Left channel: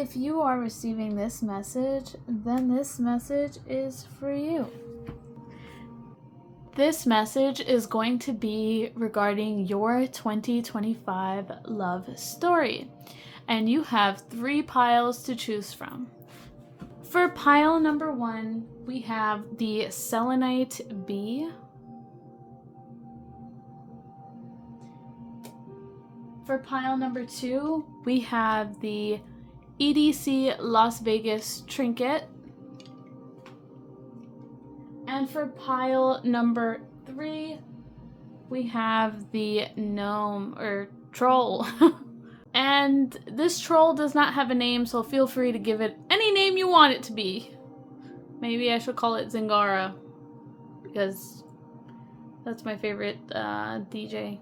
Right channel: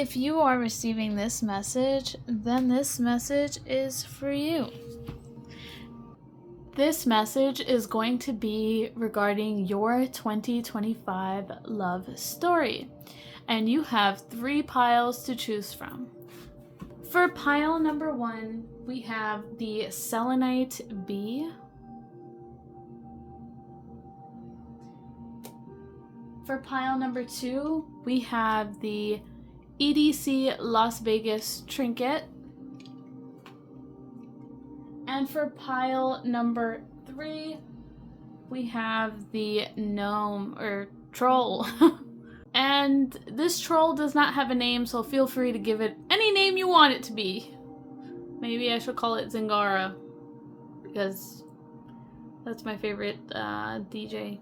If you are receiving this message, then this message is for you. This message is going to be regarding your 2025 love story, and you have 3 piles to choose from. For pile number 1, we have the Selenite Bee. For pile number 2, we have the EDC Las Vegas Trinket. And for pile number 3, we have the gnome or troll. And this troll does not have a name, so feel free to give it any name you want it to be. Maybe I should call it Zingara, because that's my favorite DJ.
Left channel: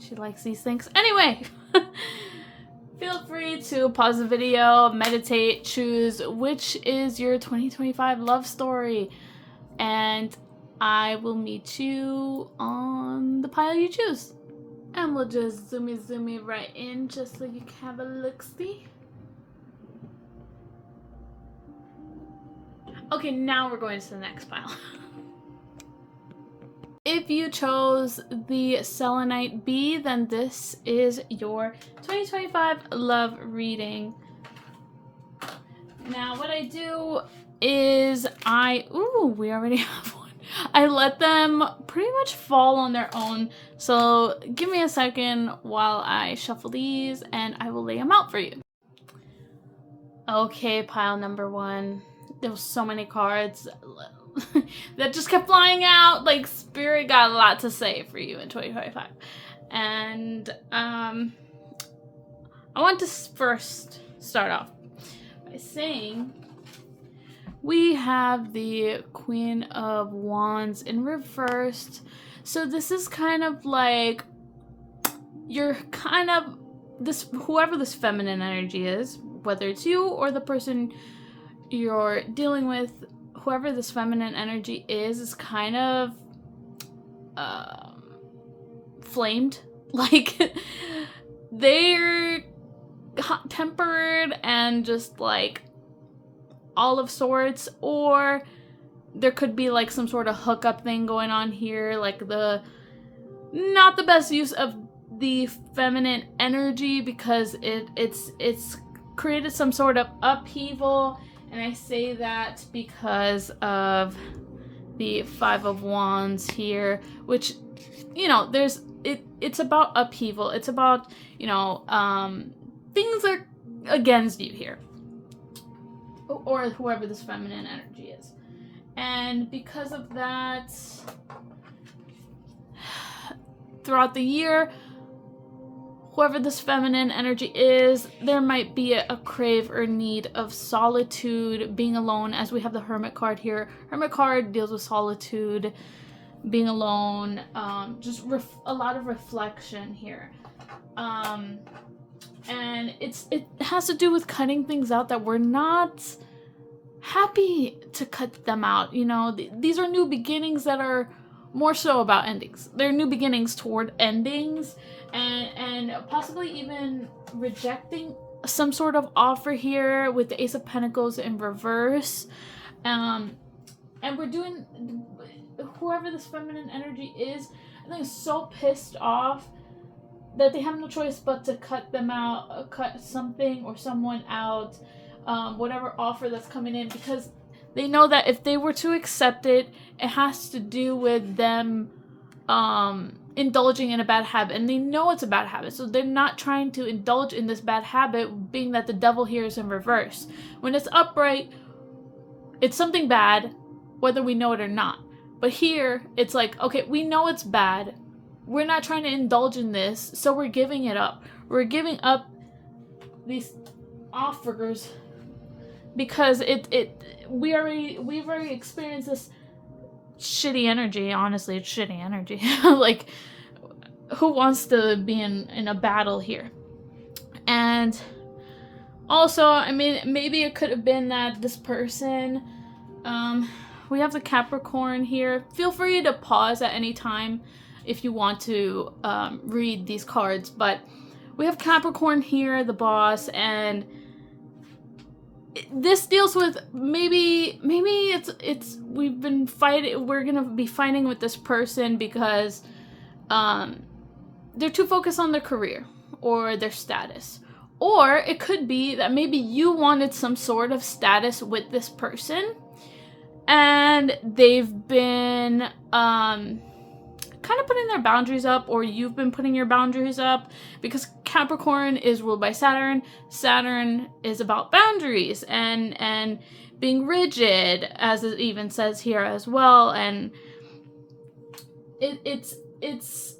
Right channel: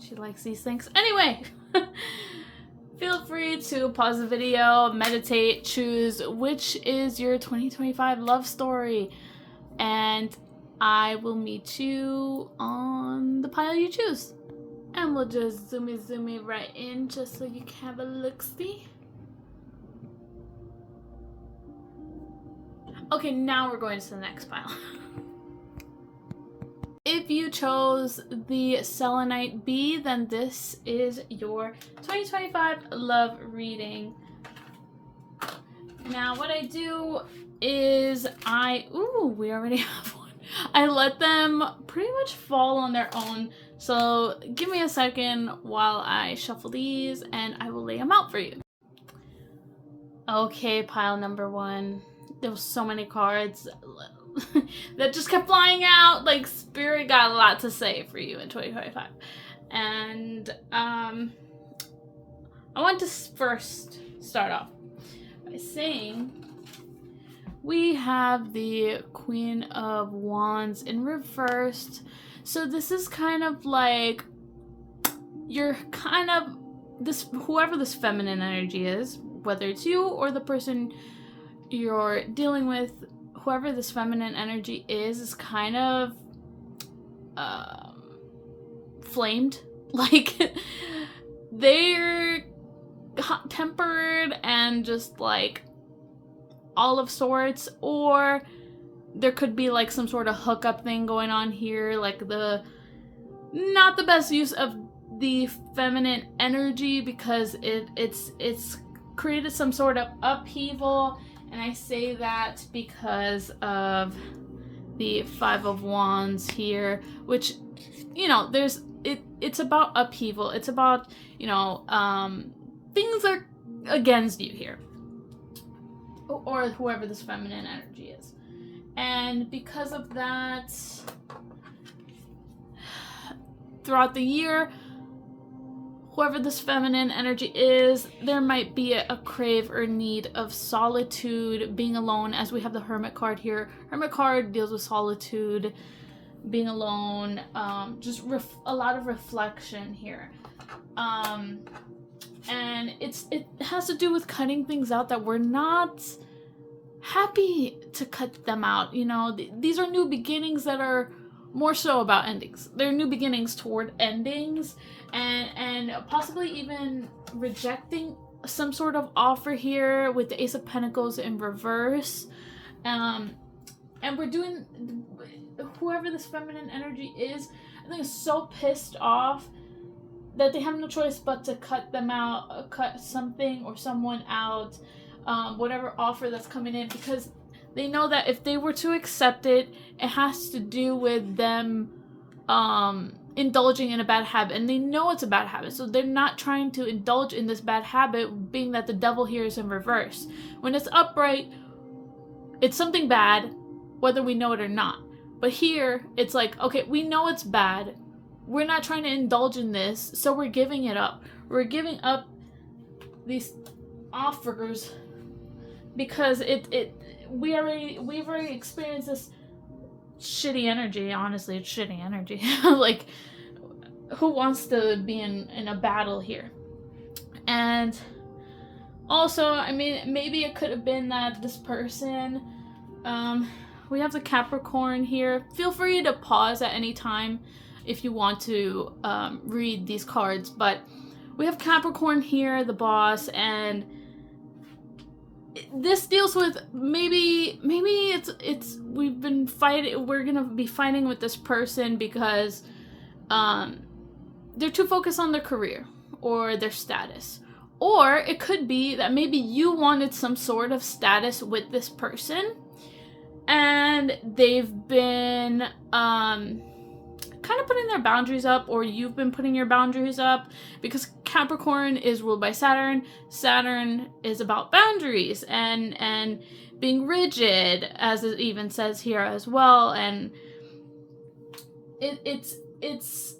She likes these things. Anyway, feel free to pause the video, meditate, choose which is your 2025 love story, and I will meet you on the pile you choose. And we'll just zoom it right in just so you can have a look-see. Okay, now we're going to the next pile. If you chose the Selenite Bee, then this is your 2025 love reading. Now what I do is we already have one. I let them pretty much fall on their own. So give me a second while I shuffle these and I will lay them out for you. Okay, pile number 1. There was so many cards that just kept flying out. Like, Spirit got a lot to say for you in 2025. And I want to first start off by saying we have the Queen of Wands in reversed. So this is kind of like you're kind of whoever this feminine energy is, whether it's you or the person you're dealing with, whoever this feminine energy is kind of flamed. Like, they're hot-tempered and just like all of sorts, or there could be like some sort of hookup thing going on here, like not the best use of the feminine energy, because it's created some sort of upheaval. And I say that because of the 5 of Wands here, which, you know, it's about upheaval. It's about, you know, things are against you here, or whoever this feminine energy is. And because of that, throughout the year, whoever this feminine energy is, there might be a crave or need of solitude, being alone, as we have the Hermit card here. Hermit card deals with solitude, being alone, just a lot of reflection here. And it has to do with cutting things out that we're not happy to cut them out. You know, these are new beginnings that are more so about endings. They're new beginnings toward endings, and possibly even rejecting some sort of offer here with the Ace of Pentacles in reverse. And we're doing, whoever this feminine energy is, I think is so pissed off that they have no choice but to cut them out, cut something or someone out, whatever offer that's coming in, because they know that if they were to accept it, it has to do with them indulging in a bad habit, and they know it's a bad habit, so they're not trying to indulge in this bad habit, being that the devil here is in reverse. When it's upright, it's something bad, whether we know it or not. But here, it's like, okay, we know it's bad, we're not trying to indulge in this, so we're giving it up. We're giving up these offers because we've already experienced this shitty energy. Honestly, it's shitty energy. Like, who wants to be in a battle here? And also, I mean, maybe it could have been that this person, we have the Capricorn here. Feel free to pause at any time if you want to read these cards, but we have Capricorn here, the boss, and this deals with maybe we've been fighting, we're gonna be fighting with this person because they're too focused on their career or their status. Or it could be that maybe you wanted some sort of status with this person and they've been kind of putting their boundaries up, or you've been putting your boundaries up, because Capricorn is ruled by Saturn. Saturn is about boundaries and being rigid, as it even says here as well, and it's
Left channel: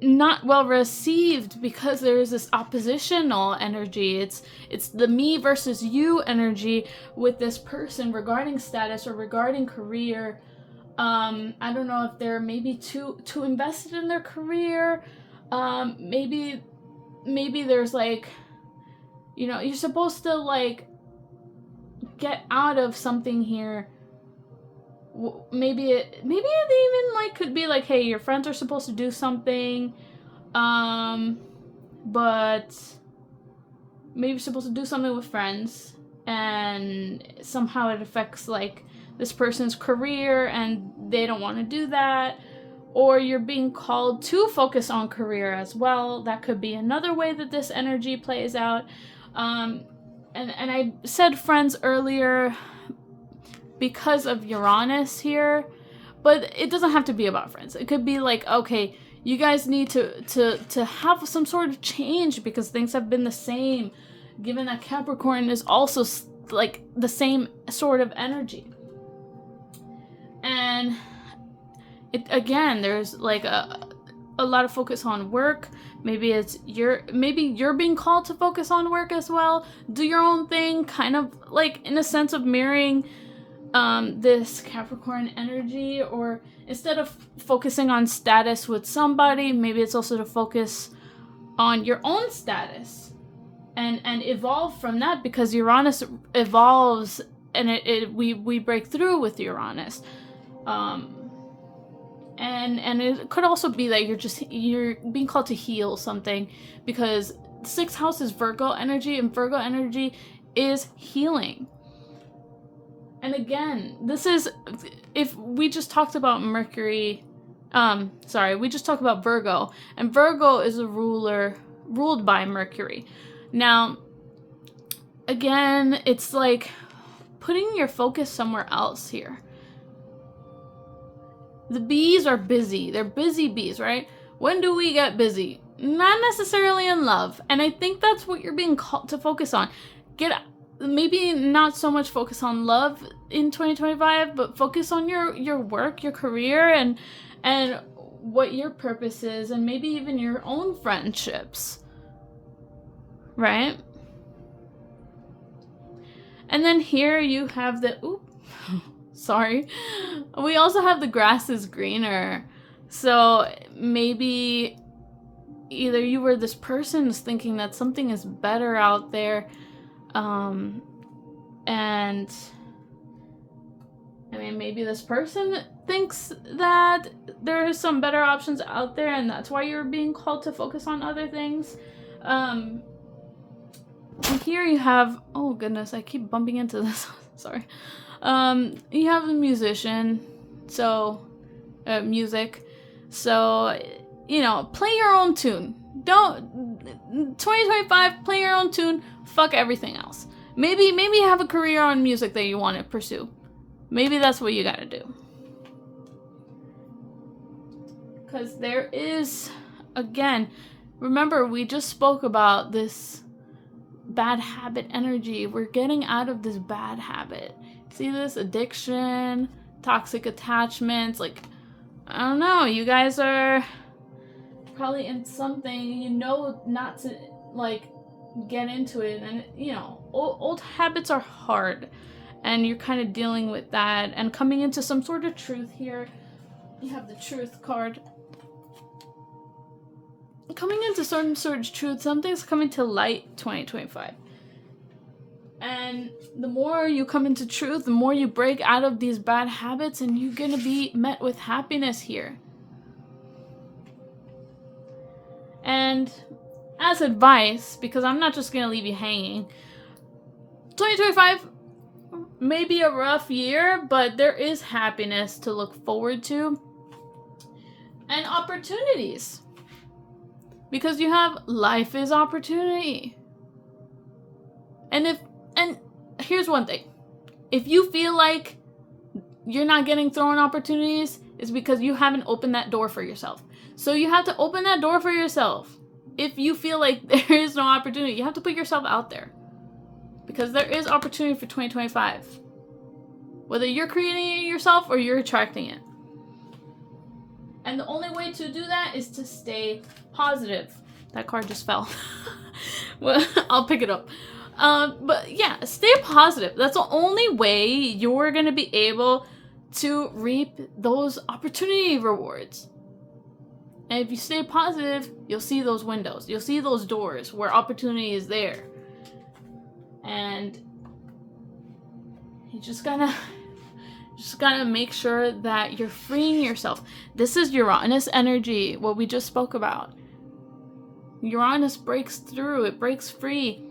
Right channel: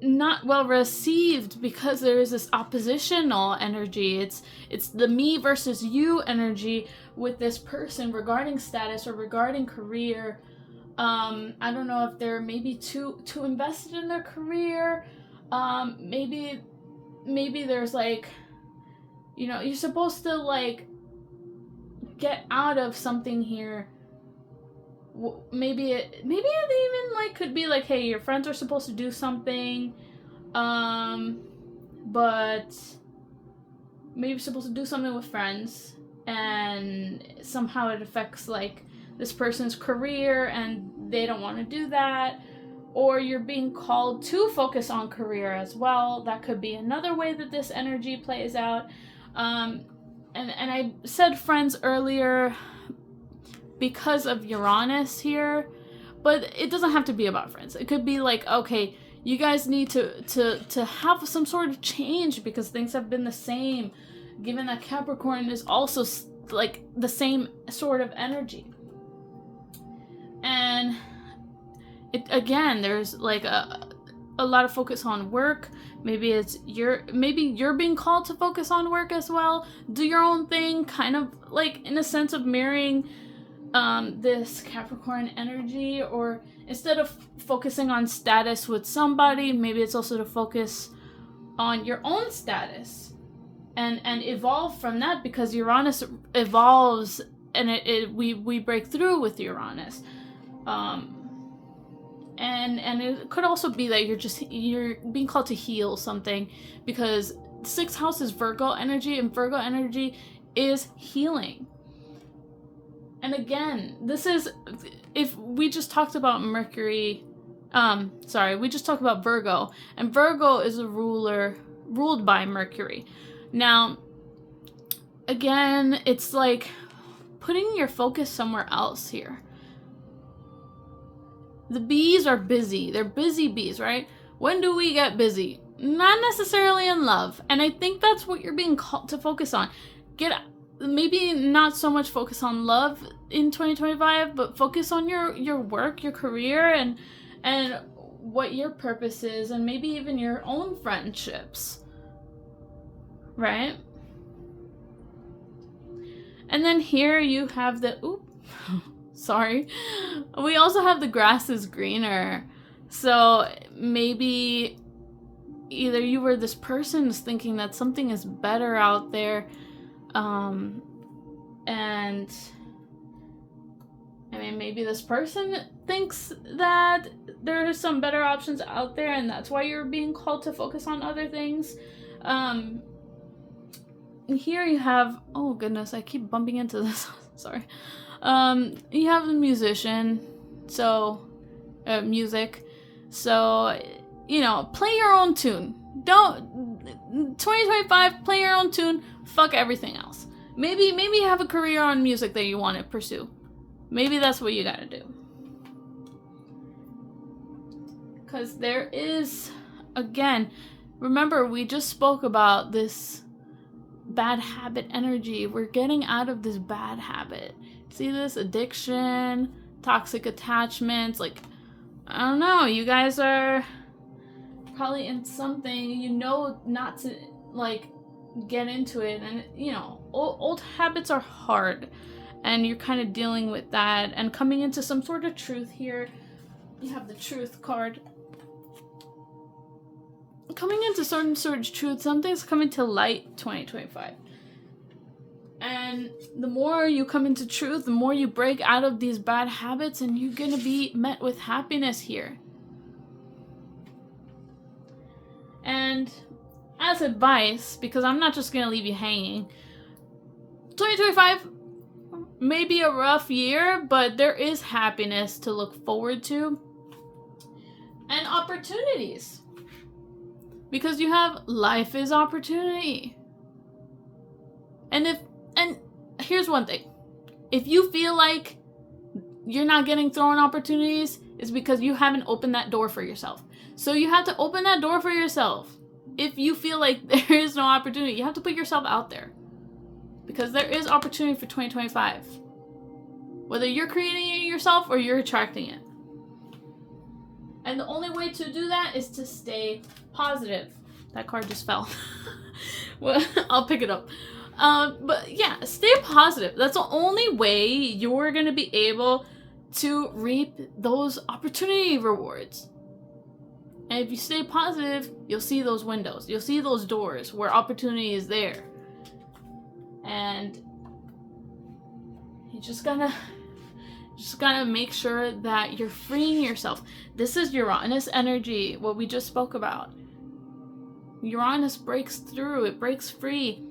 not well received because there is this oppositional energy. It's the me versus you energy with this person regarding status or regarding career. I don't know if they're maybe too invested in their career. Maybe there's like, you know, you're supposed to like get out of something here. Maybe it even like could be like, hey, your friends are supposed to do something, but maybe you're supposed to do something with friends, and somehow it affects like this person's career and they don't want to do that, or you're being called to focus on career as well. That could be another way that this energy plays out. And I said friends earlier because of Uranus here, but it doesn't have to be about friends. It could be like, okay, you guys need to have some sort of change because things have been the same, given that Capricorn is also like the same sort of energy. And it, again, there's like a lot of focus on work. Maybe you're being called to focus on work as well. Do your own thing, kind of like in a sense of mirroring this Capricorn energy, or instead of focusing on status with somebody, maybe it's also to focus on your own status and evolve from that, because Uranus evolves and we break through with Uranus. And it could also be that you're being called to heal something, because 6th house is Virgo energy, and Virgo energy is healing. And again, this is, if we just talked about Mercury, we just talked about Virgo, and Virgo is a ruled by Mercury. Now, again, it's like putting your focus somewhere else here. The bees are busy. They're busy bees, right? When do we get busy? Not necessarily in love. And I think that's what you're being called to focus on. Maybe not so much focus on love in 2025, but focus on your work, your career, and what your purpose is, and maybe even your own friendships, right? And then here you have sorry. We also have the grass is greener. So maybe either you were this person is thinking that something is better out there, and I mean, maybe this person thinks that there are some better options out there, and that's why you're being called to focus on other things. And here you have, oh goodness, I keep bumping into this. Sorry. You have a musician, so music. So, you know, play your own tune. 2025, play your own tune. Fuck everything else. Maybe you have a career on music that you want to pursue. Maybe that's what you gotta do. Because there is, again, remember we just spoke about this bad habit energy. We're getting out of this bad habit. See this? Addiction, toxic attachments. Like, I don't know. You guys are probably in something, you know, not to, like, get into it. And, you know, old habits are hard. And you're kind of dealing with that. And coming into some sort of truth here. You have the truth card. Coming into some sort of truth. Something's coming to light 2025. And the more you come into truth, the more you break out of these bad habits, and you're going to be met with happiness here. And as advice, because I'm not just going to leave you hanging, 2025 may be a rough year, but there is happiness to look forward to and opportunities. Because you have life is opportunity. And here's one thing. If you feel like you're not getting thrown opportunities, it's because you haven't opened that door for yourself. So you have to open that door for yourself. If you feel like there is no opportunity, you have to put yourself out there. Because there is opportunity for 2025. Whether you're creating it yourself or you're attracting it. And the only way to do that is to stay positive. That card just fell. Well, I'll pick it up. But yeah, stay positive. That's the only way you're going to be able to reap those opportunity rewards. And if you stay positive, you'll see those windows. You'll see those doors where opportunity is there. And you just gotta make sure that you're freeing yourself. This is Uranus energy, what we just spoke about. Uranus breaks through, it breaks free.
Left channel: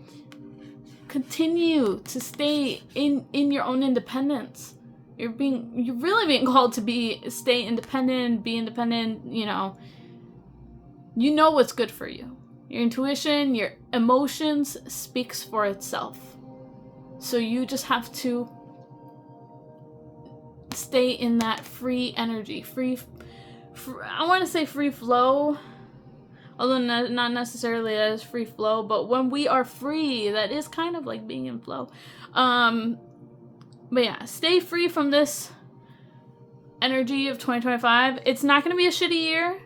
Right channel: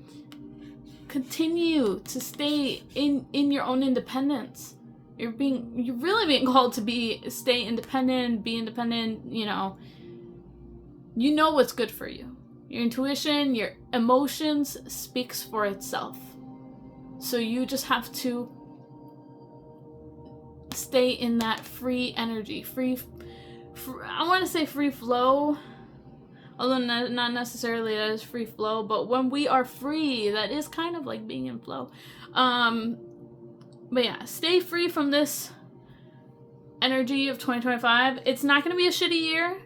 Continue to stay in your own independence. You're really being called to stay independent, be independent, you know what's good for you. Your intuition, your emotions speaks for itself. So you just have to stay in that free energy, I want to say free flow, although not necessarily as free flow, but when we are free, that is kind of like being in flow. But yeah, stay free from this energy of 2025. It's not going to be a shitty year.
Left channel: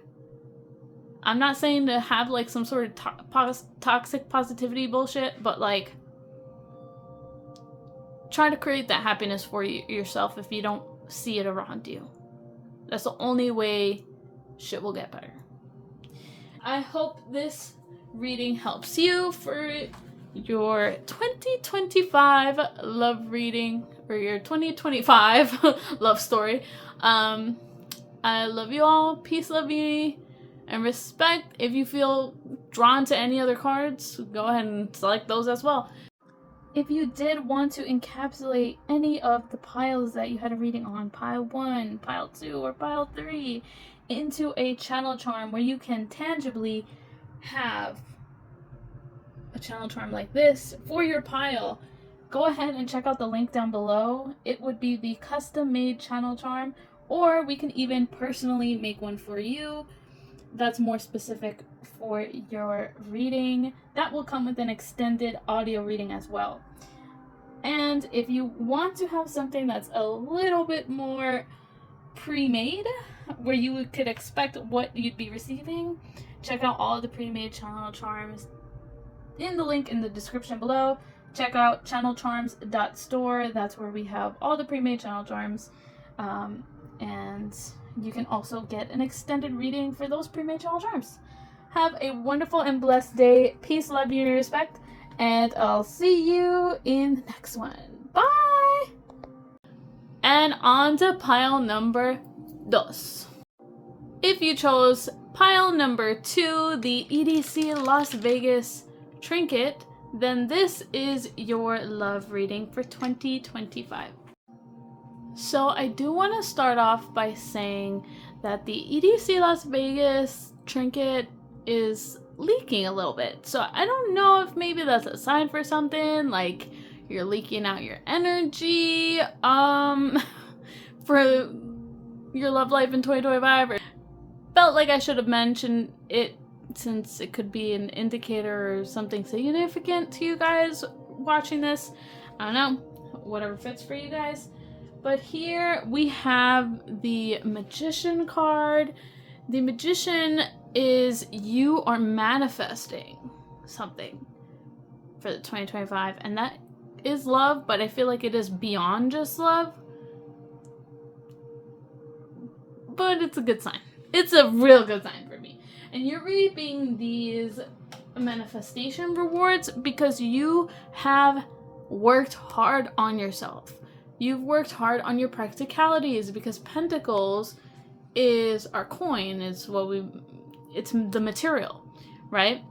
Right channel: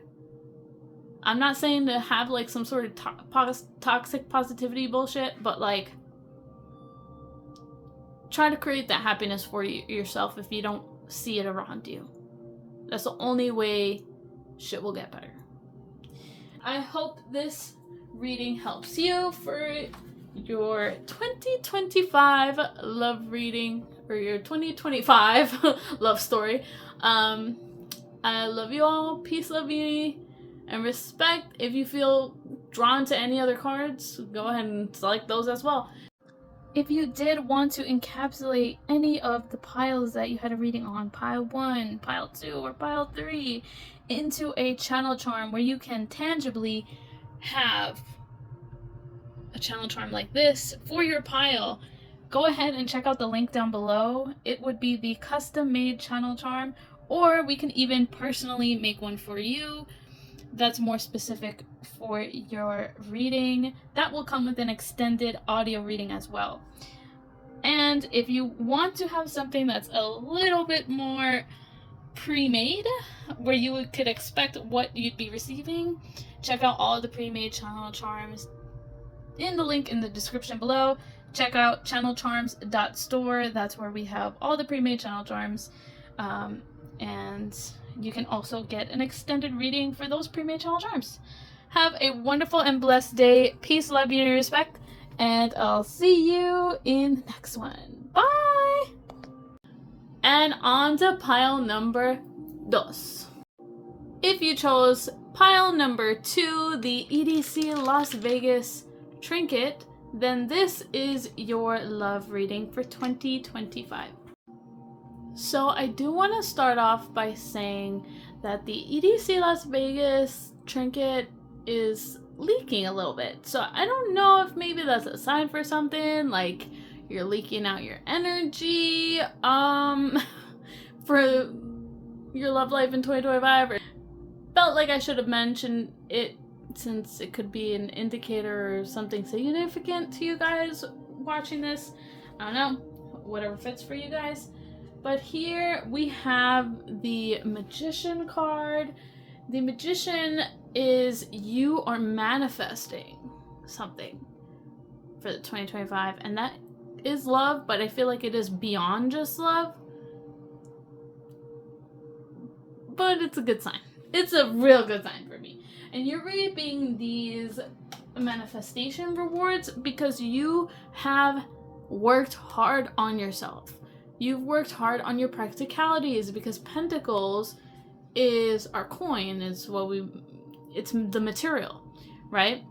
I'm not saying to have like some sort of toxic positivity bullshit, but like try to create that happiness for yourself if you don't see it around you. That's the only way shit will get better. I hope this reading helps you for your 2025 love reading or your 2025 love story. I love you all. Peace, love, unity, and respect. If you feel drawn to any other cards, go ahead and select those as well. If you did want to encapsulate any of the piles that you had a reading on, pile 1, pile 2, or pile 3, into a channel charm where you can tangibly have a channel charm like this for your pile, go ahead and check out the link down below. It would be the custom made channel charm, or we can even personally make one for you that's more specific for your reading. That will come with an extended audio reading as well. And if you want to have something that's a little bit more pre-made, where you could expect what you'd be receiving, check out all the pre-made channel charms in the link in the description below. Check out channelcharms.store. That's where we have all the pre-made channel charms. And you can also get an extended reading for those pre-made channel charms. Have a wonderful and blessed day. Peace, love, unity, respect. And I'll see you in the next one. Bye! And on to pile number 2. If you chose pile number 2, the EDC Las Vegas Trinket, then this is your love reading for 2025. So I do want to start off by saying that the EDC Las Vegas Trinket is leaking a little bit. So I don't know if maybe that's a sign for something, like you're leaking out your energy for your love life in 2025. Or felt like I should have mentioned it since it could be an indicator or something significant to you guys watching this. I don't know, whatever fits for you guys. But here we have the Magician card. The Magician is you are manifesting something for the 2025, and that is love, but I feel like it is beyond just love. But it's a good sign. It's a real good sign for me. And you're reaping these manifestation rewards because you have worked hard on yourself. You've worked hard on your practicalities, because Pentacles is our coin, it's the material, right?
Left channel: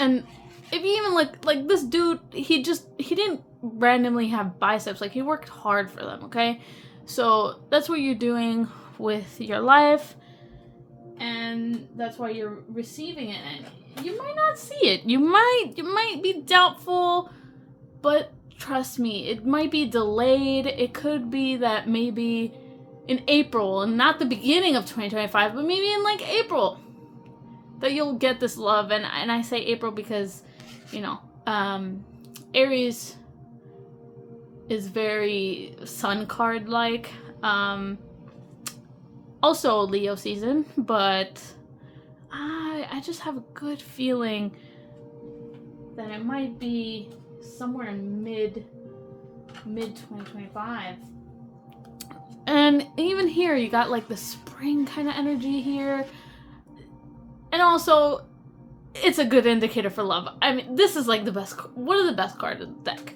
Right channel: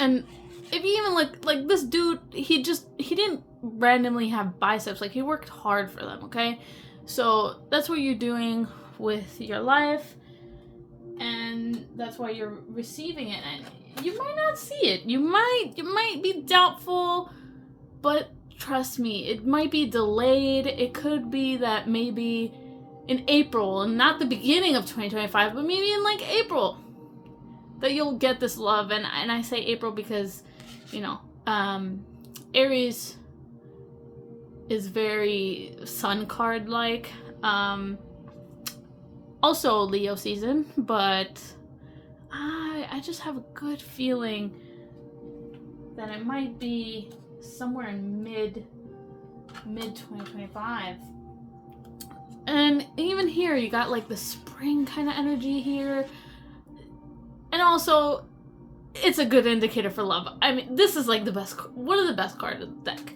And if you even like this dude, he didn't randomly have biceps. Like, he worked hard for them, okay? So that's what you're doing with your life, and that's why you're receiving it. And you might not see it. You might be doubtful, but trust me, it might be delayed. It could be that maybe in April, and not the beginning of 2025, but maybe in like April, that you'll get this love. And I say April because, you know, Aries is very sun card like. Also Leo season, but I just have a good feeling that it might be somewhere in mid 2025. And even here you got like the spring kind of energy here. And also, it's a good indicator for love. I mean, this is like one of the best cards of the deck.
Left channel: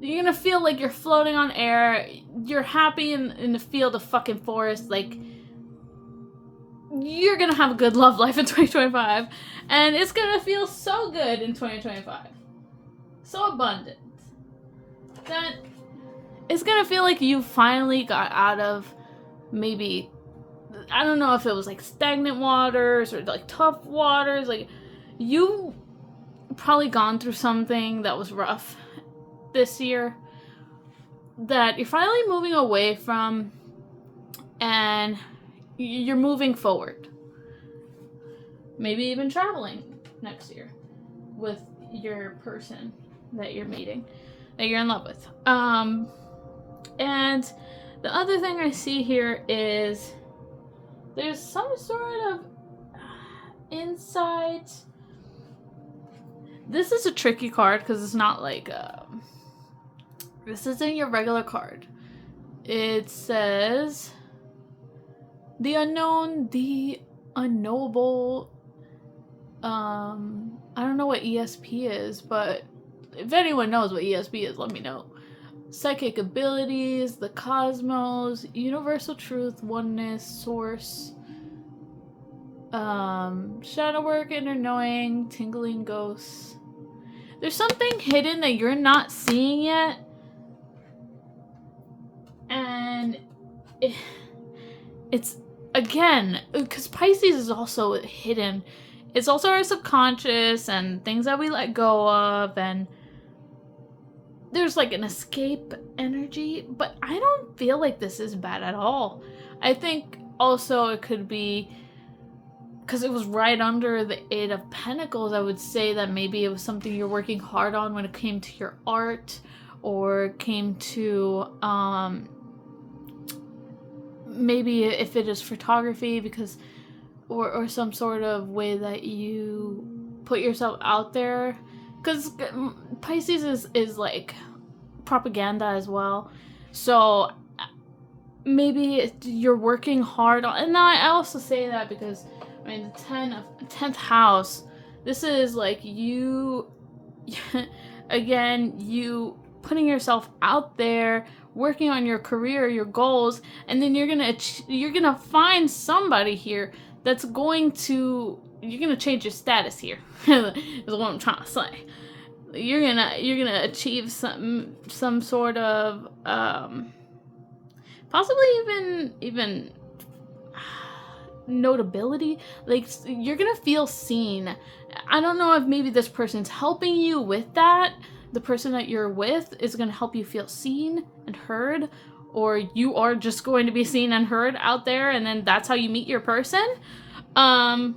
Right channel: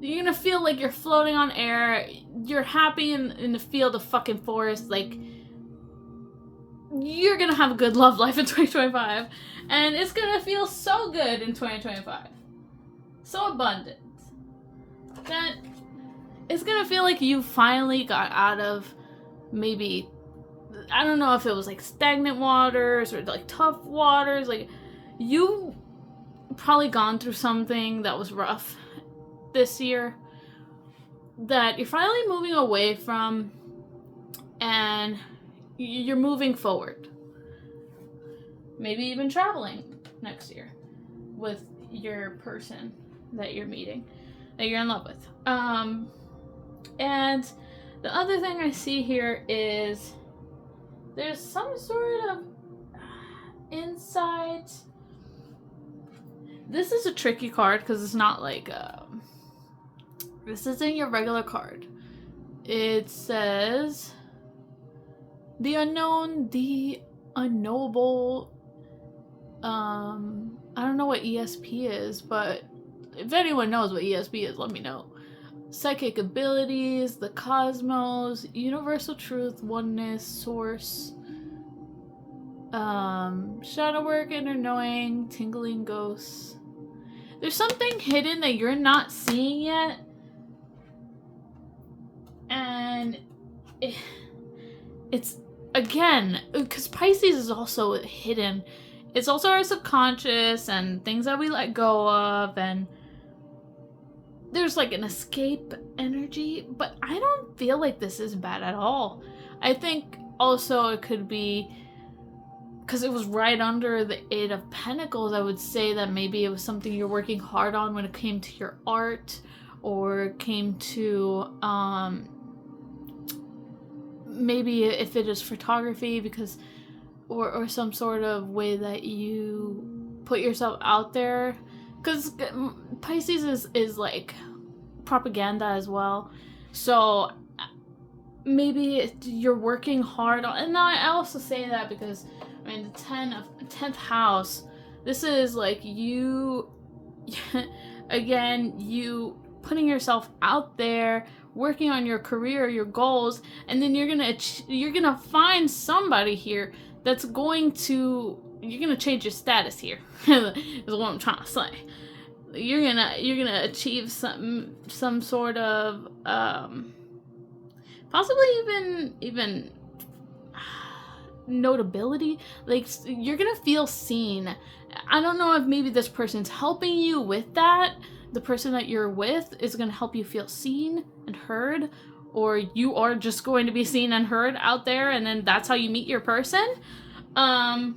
You're gonna feel like you're floating on air. You're happy in the field of fucking forest. Like, you're gonna have a good love life in 2025. And it's gonna feel so good in 2025. So abundant. That it's gonna feel like you finally got out of maybe, I don't know if it was like stagnant waters or like tough waters. Like, you probably gone through something that was rough this year that you're finally moving away from, and you're moving forward. Maybe even traveling next year with your person that you're meeting, that you're in love with. And the other thing I see here is there's some sort of insight. This is a tricky card because it's not like this isn't your regular card. It says the unknown, the unknowable. I don't know what ESP is, but if anyone knows what ESP is, let me know. Psychic abilities, the cosmos, universal truth, oneness, source, shadow work, inner knowing, tingling ghosts. There's something hidden that you're not seeing yet, and it's again, because Pisces is also hidden. It's also our subconscious and things that we let go of, and there's like an escape energy, but I don't feel like this is bad at all. I think also it could be because it was right under the Eight of Pentacles. I would say that maybe it was something you're working hard on when it came to your art, or came to maybe if it is photography, because or some sort of way that you put yourself out there, because Pisces is like propaganda as well. So maybe you're working hard on, and I also say that because I mean the 10th house, this is like you again, you putting yourself out there, working on your career, your goals, and then you're gonna find somebody here that's going to, you're gonna change your status here. Is what I'm trying to say. You're gonna achieve some sort of possibly even notability. Like, you're gonna feel seen. I don't know if maybe this person's helping you with that. The person that you're with is gonna help you feel seen and heard, or you are just going to be seen and heard out there, and then that's how you meet your person. And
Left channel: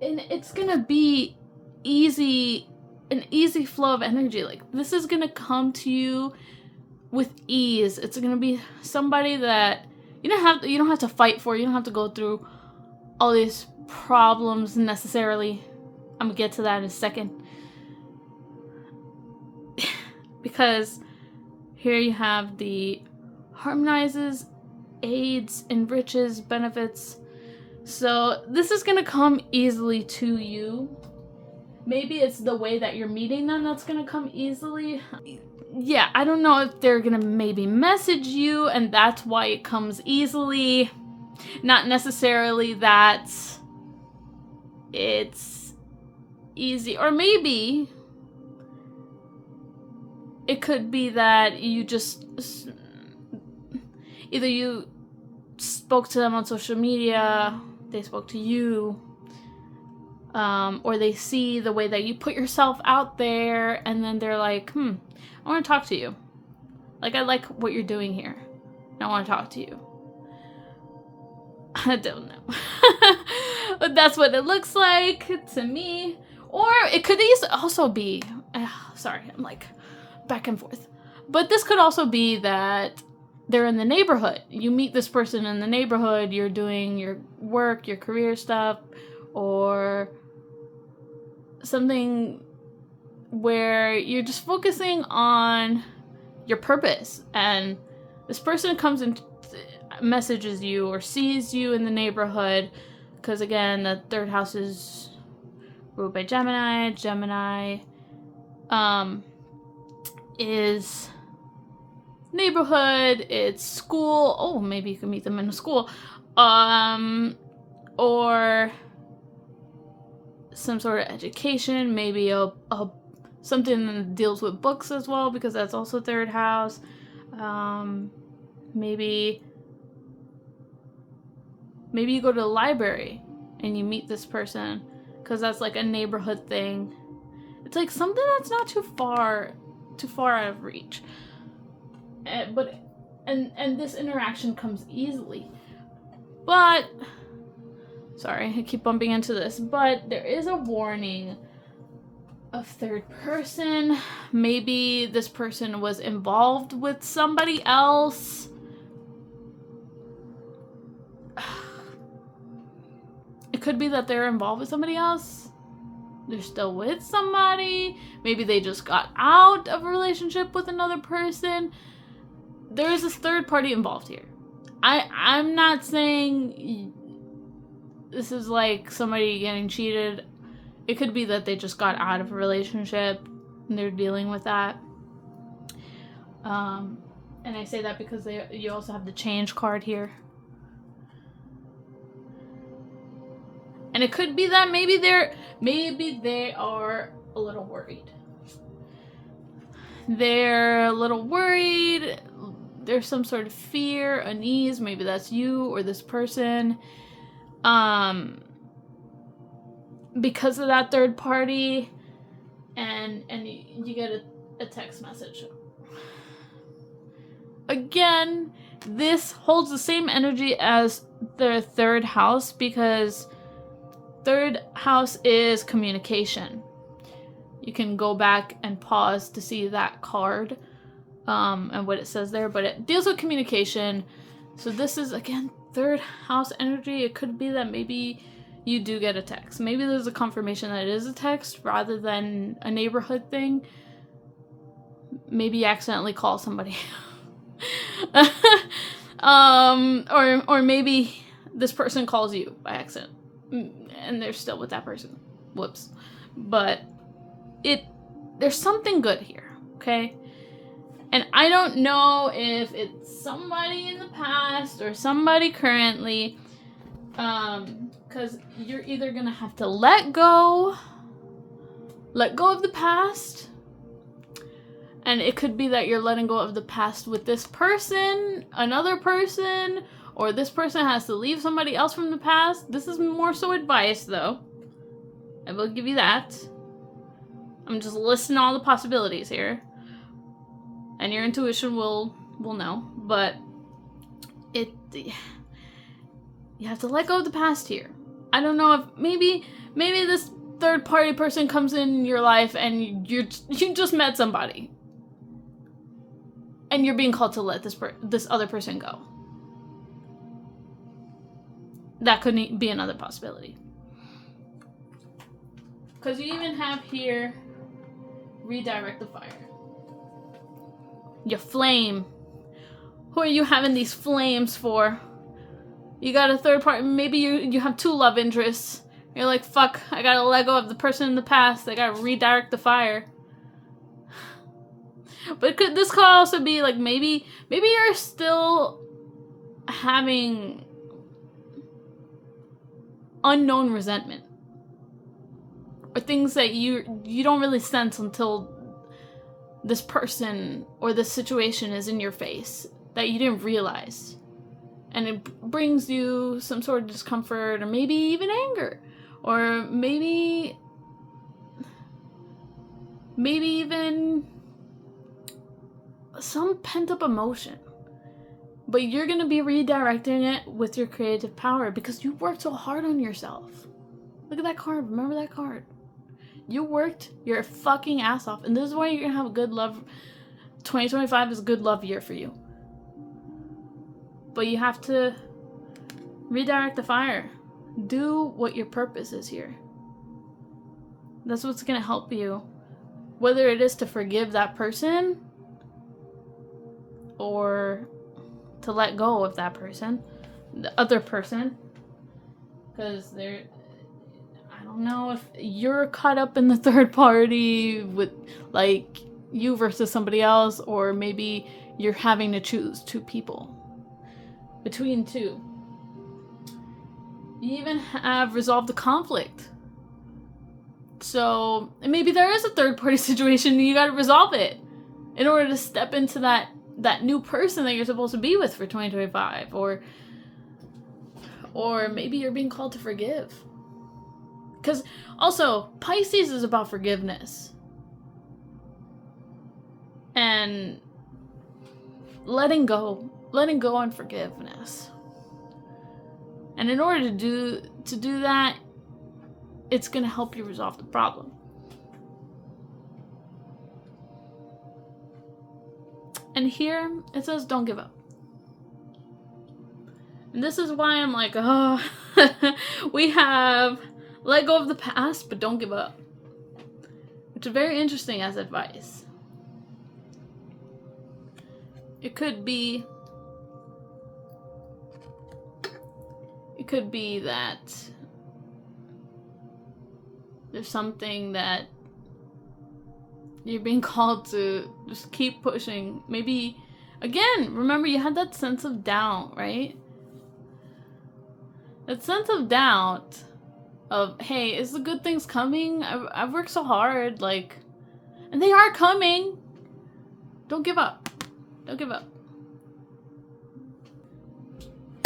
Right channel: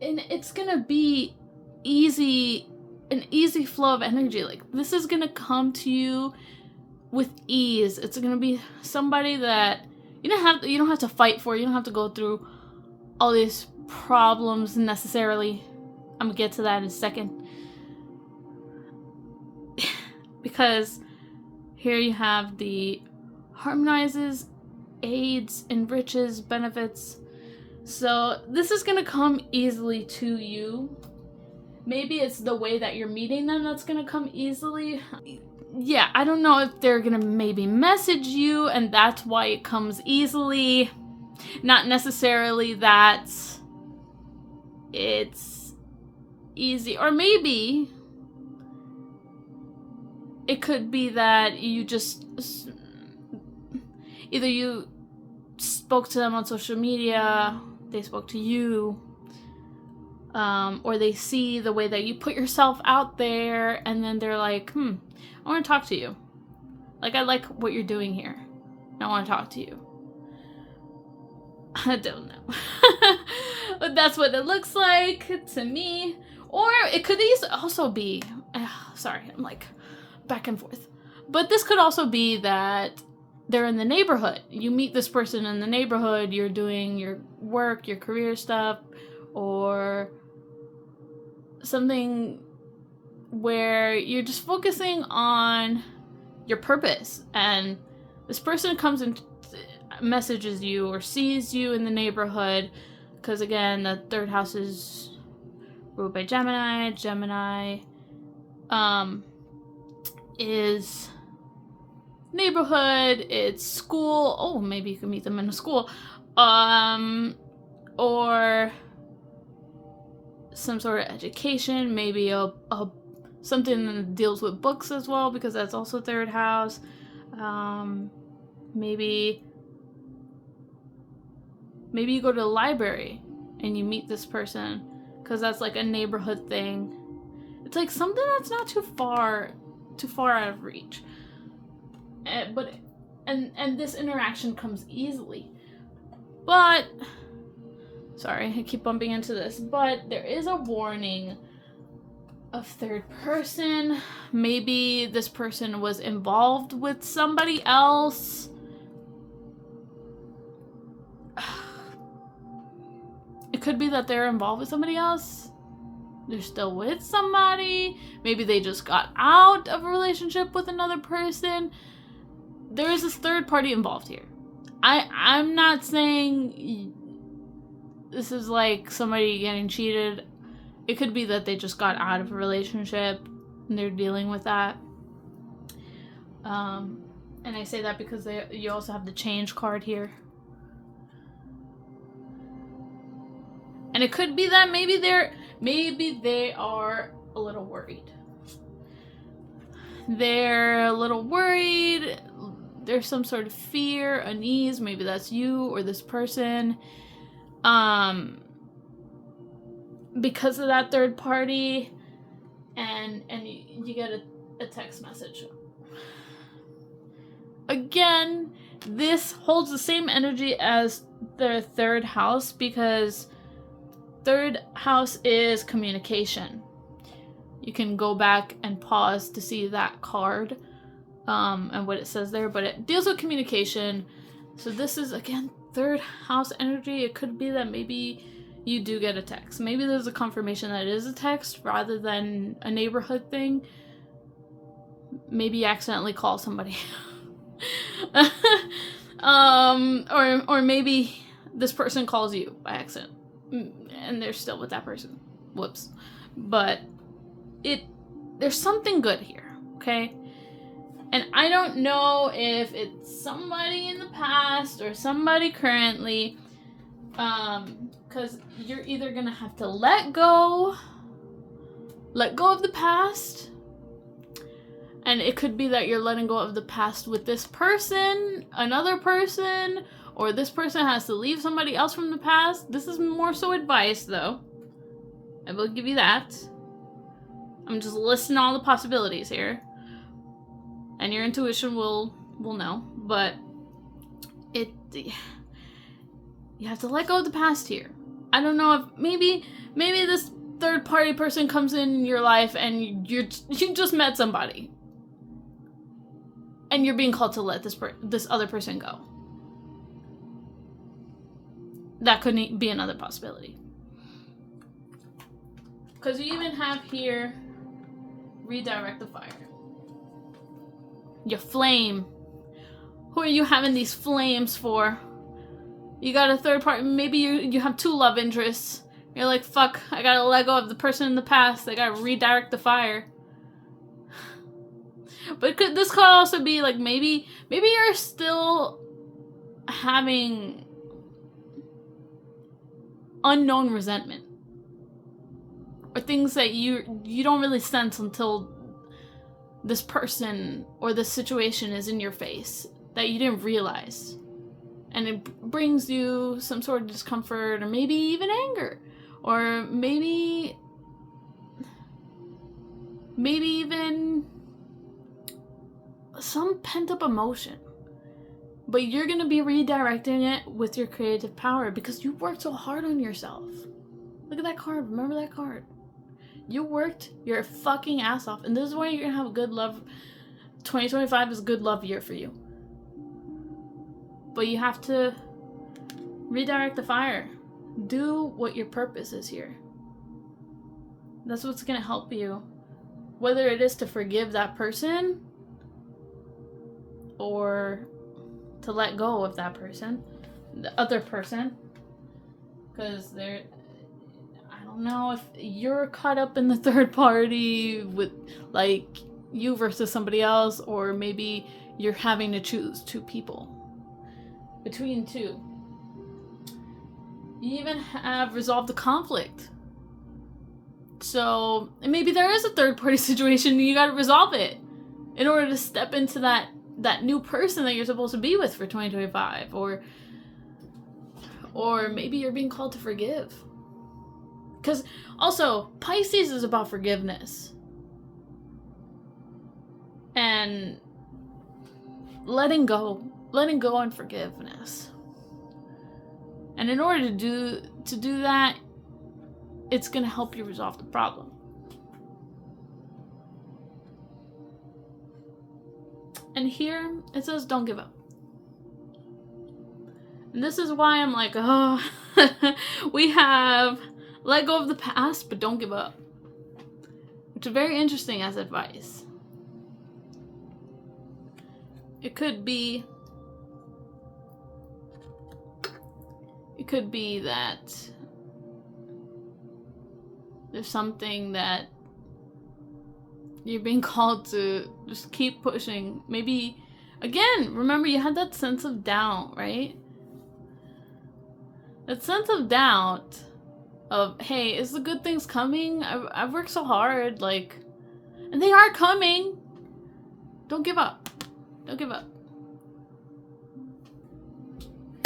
it's gonna be an easy flow of energy. Like, this is gonna come to you with ease. It's gonna be somebody that you don't have to fight for. You don't have to go through all these problems necessarily. I'm gonna get to that in a second. Because here you have the harmonizes, aids, enriches, benefits. So this is gonna come easily to you. Maybe it's the way that you're meeting them that's gonna come easily. Yeah, I don't know if they're gonna maybe message you and that's why it comes easily. Not necessarily that it's easy. Or maybe it could be that you just, either you spoke to them on social media, they spoke to you, or they see the way that you put yourself out there, and then they're like, I want to talk to you. Like, I like what you're doing here. I want to talk to you. I don't know. But that's what it looks like to me. Or it could also be, sorry, I'm like back and forth. But this could also be that they're in the neighborhood. You meet this person in the neighborhood, you're doing your work, your career stuff, or something where you're just focusing on your purpose, and this person comes and messages you or sees you in the neighborhood, because again, the third house is ruled by Gemini. Gemini is neighborhood, it's school. Oh, maybe you can meet them in a school, or some sort of education, maybe a something that deals with books as well, because that's also third house. Maybe you go to the library and you meet this person, because that's like a neighborhood thing. It's like something that's not too far out of reach. But this interaction comes easily. But sorry, I keep bumping into this, but there is a warning of third person. Maybe this person was involved with somebody else. It could be that they're involved with somebody else. They're still with somebody. Maybe they just got out of a relationship with another person. There is this third party involved here. I'm not saying this is like somebody getting cheated. It could be that they just got out of a relationship and they're dealing with that. And I say that because you also have the change card here. And it could be that maybe they are a little worried. They're a little worried. There's some sort of fear, unease. Maybe that's you or this person. Because of that third party, and you get a text message. Again, this holds the same energy as the third house, because third house is communication. You can go back and pause to see that card and what it says there, but it deals with communication. So this is, again, third house energy. It could be that maybe you do get a text. Maybe there's a confirmation that it is a text rather than a neighborhood thing. Maybe you accidentally call somebody. Or maybe this person calls you by accident and they're still with that person. Whoops. But there's something good here, okay? And I don't know if it's somebody in the past or somebody currently, because you're either gonna have to let go of the past, and it could be that you're letting go of the past with this person, another person, or this person has to leave somebody else from the past. This is more so advice, though. I will give you that. I'm just listing all the possibilities here, and your intuition will know. But you have to let go of the past here. I don't know if maybe this third party person comes in your life and you just met somebody, and you're being called to let this other person go. That could be another possibility. Because you even have here, redirect the fire. Your flame. Who are you having these flames for? You got a third party. Maybe you have two love interests. You're like, fuck, I gotta let go of the person in the past. I gotta redirect the fire. But this could also be like, maybe you're still having unknown resentment or things that you don't really sense until this person or this situation is in your face that you didn't realize. And it brings you some sort of discomfort, or maybe even anger, or maybe even some pent-up emotion. But you're going to be redirecting it with your creative power because you worked so hard on yourself. Look at that card. Remember that card. You worked your fucking ass off. And this is why you're going to have a good love. 2025 is a good love year for you. But you have to redirect the fire. Do what your purpose is here. That's what's going to help you. Whether it is to forgive that person or to let go of that person, the other person, because I don't know if you're caught up in the third party with like you versus somebody else, or maybe you're having to choose two people between two. You even have resolved the conflict, so maybe there is a third party situation and you got to resolve it in order to step into that new person that you're supposed to be with for 2025, or maybe you're being called to forgive. Because also, Pisces is about forgiveness and letting go and forgiveness. And in order to do that, it's going to help you resolve the problem. And here, it says, don't give up. And this is why I'm like, oh, we have let go of the past, but don't give up. Which is very interesting as advice. It could be that there's something that you're being called to just keep pushing. Maybe, again, remember you had that sense of doubt, right? That sense of doubt of, hey, is the good things coming? I've worked so hard, like, and they are coming. Don't give up. Don't give up.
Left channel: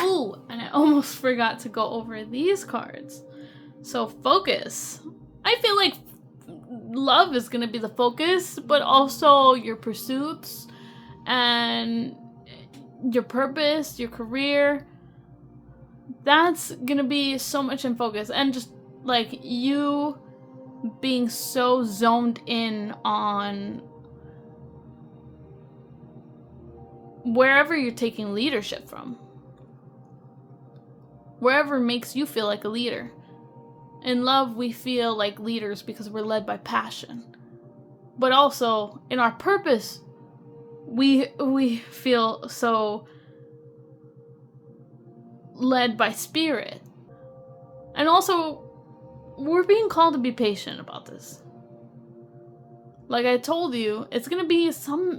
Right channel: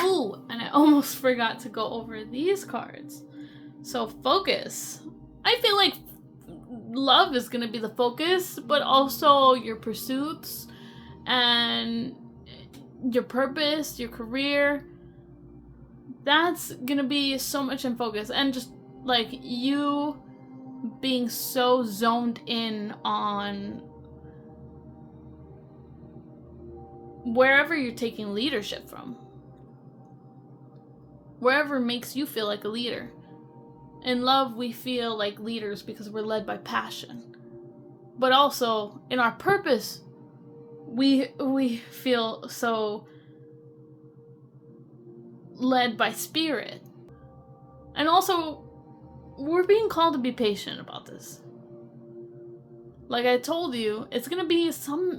Ooh, and I almost forgot to go over these cards. So focus. I feel like love is going to be the focus, but also your pursuits and your purpose, your career. That's going to be so much in focus. And just like you being so zoned in on wherever you're taking leadership from. Wherever makes you feel like a leader. In love, we feel like leaders because we're led by passion. But also, in our purpose, we feel so led by spirit. And also, we're being called to be patient about this. Like I told you, it's going to be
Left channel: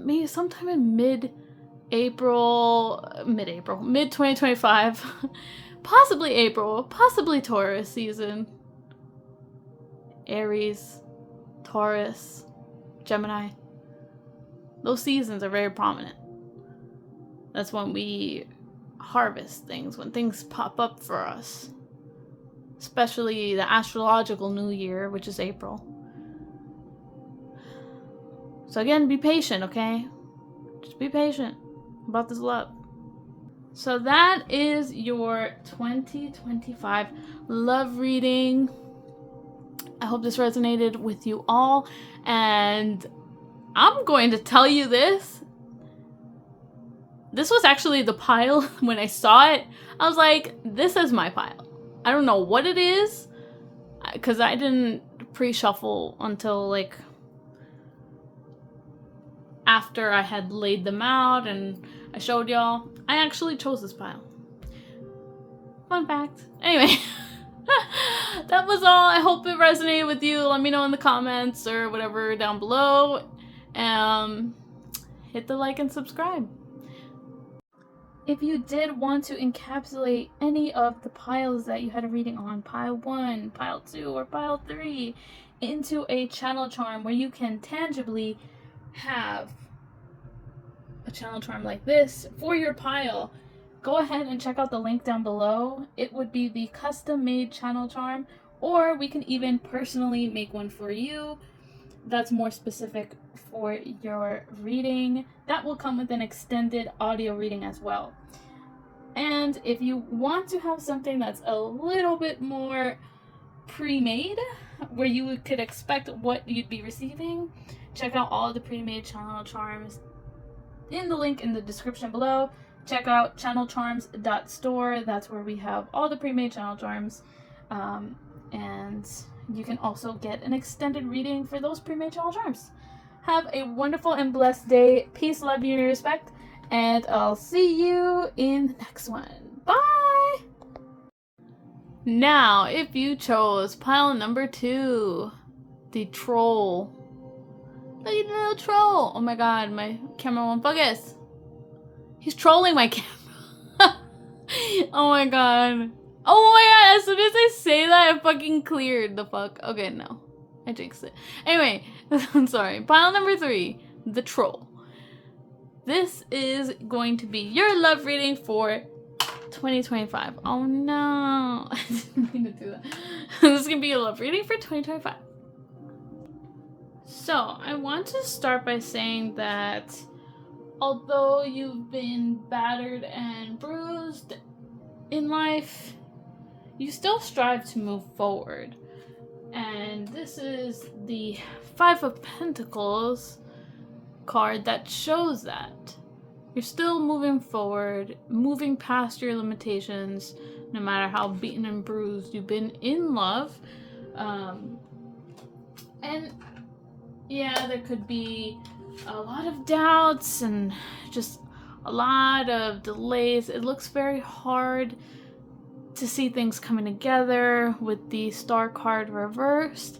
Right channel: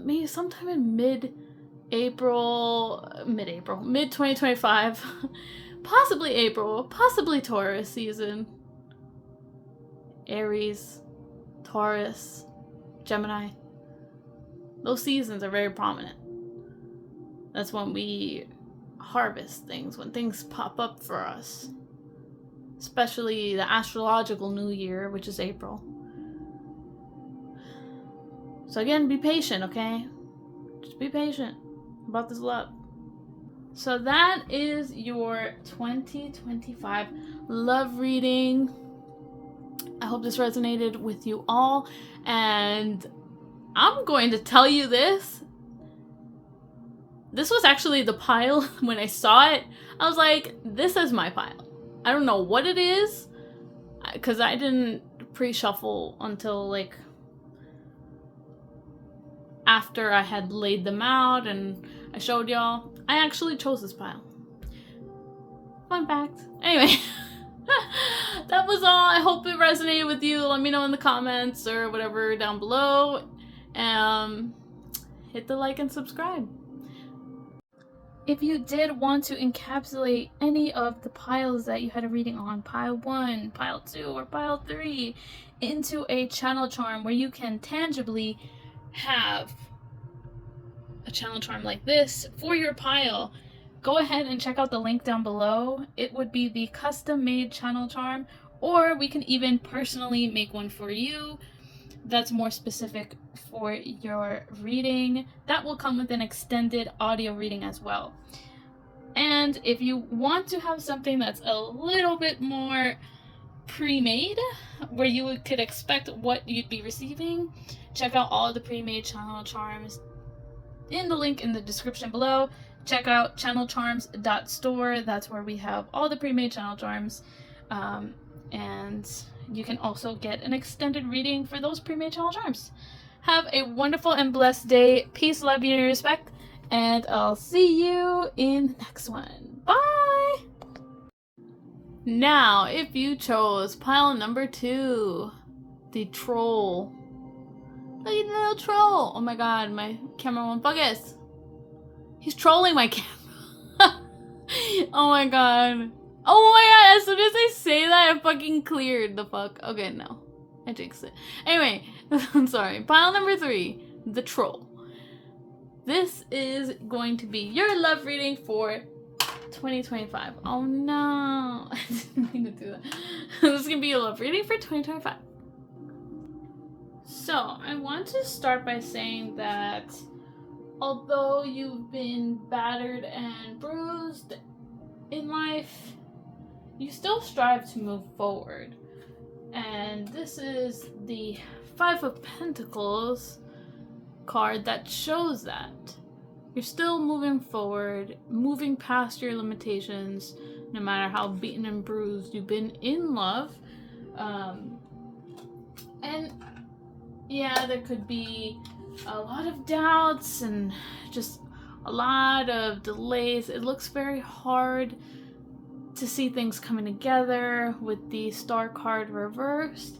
maybe sometime in mid-2025. Possibly April, possibly Taurus season. Aries, Taurus, Gemini. Those seasons are very prominent. That's when we harvest things, when things pop up for us. Especially the astrological new year, which is April. So again, be patient, okay? Just be patient about this love. So that is your 2025 love reading. I hope this resonated with you all. And I'm going to tell you this. This was actually the pile when I saw it. I was like, this is my pile. I don't know what it is, because I didn't pre-shuffle until like after I had laid them out and I showed y'all. I actually chose this pile. Fun fact. Anyway, that was all. I hope it resonated with you. Let me know in the comments or whatever down below. Hit the like and subscribe. If you did want to encapsulate any of the piles that you had a reading on, pile 1, pile 2, or pile 3, into a channel charm where you can tangibly have a channel charm like this for your pile, go ahead and check out the link down below. It would be the custom made channel charm, or we can even personally make one for you that's more specific for your reading. That will come with an extended audio reading as well. And if you want to have something that's a little bit more pre-made, where you could expect what you'd be receiving, check out all the pre-made channel charms in the link in the description below. Check out channelcharms.store. That's where we have all the pre-made channel charms. And you can also get an extended reading for those pre-made channel charms. Have a wonderful and blessed day. Peace, love, unity, respect. And I'll see you in the next one. Bye! Now, if you chose pile number 2, the troll. Look at the little troll. Oh my god, my camera won't focus. He's trolling my camera. Oh my god. Oh my god, as soon as I say that, I fucking cleared the fuck. Okay, no. I jinxed it. Anyway, I'm sorry. Pile number 3, the troll. This is going to be your love reading for 2025. Oh no. I didn't mean to do that. This is going to be a love reading for 2025. So, I want to start by saying that although you've been battered and bruised in life, you still strive to move forward. And this is the 5 of Pentacles card that shows that. You're still moving forward, moving past your limitations, no matter how beaten and bruised you've been in love. And yeah, there could be a lot of doubts and just a lot of delays. It looks very hard to see things coming together with the Star card reversed.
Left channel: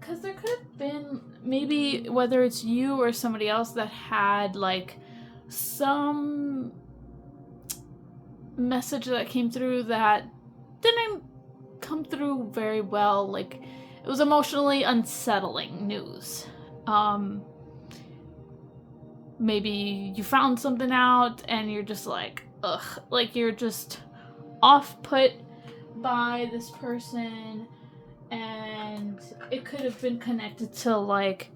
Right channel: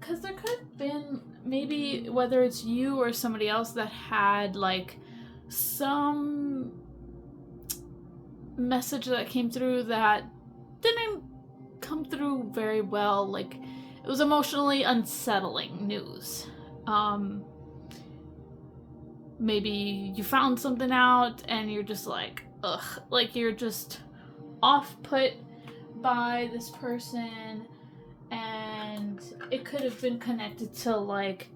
Because there could have been, maybe whether it's you or somebody else that had like some message that came through that didn't come through very well. Like, it was emotionally unsettling news. Maybe you found something out and you're just like, ugh, like you're just off put by this person, and it could have been connected to like,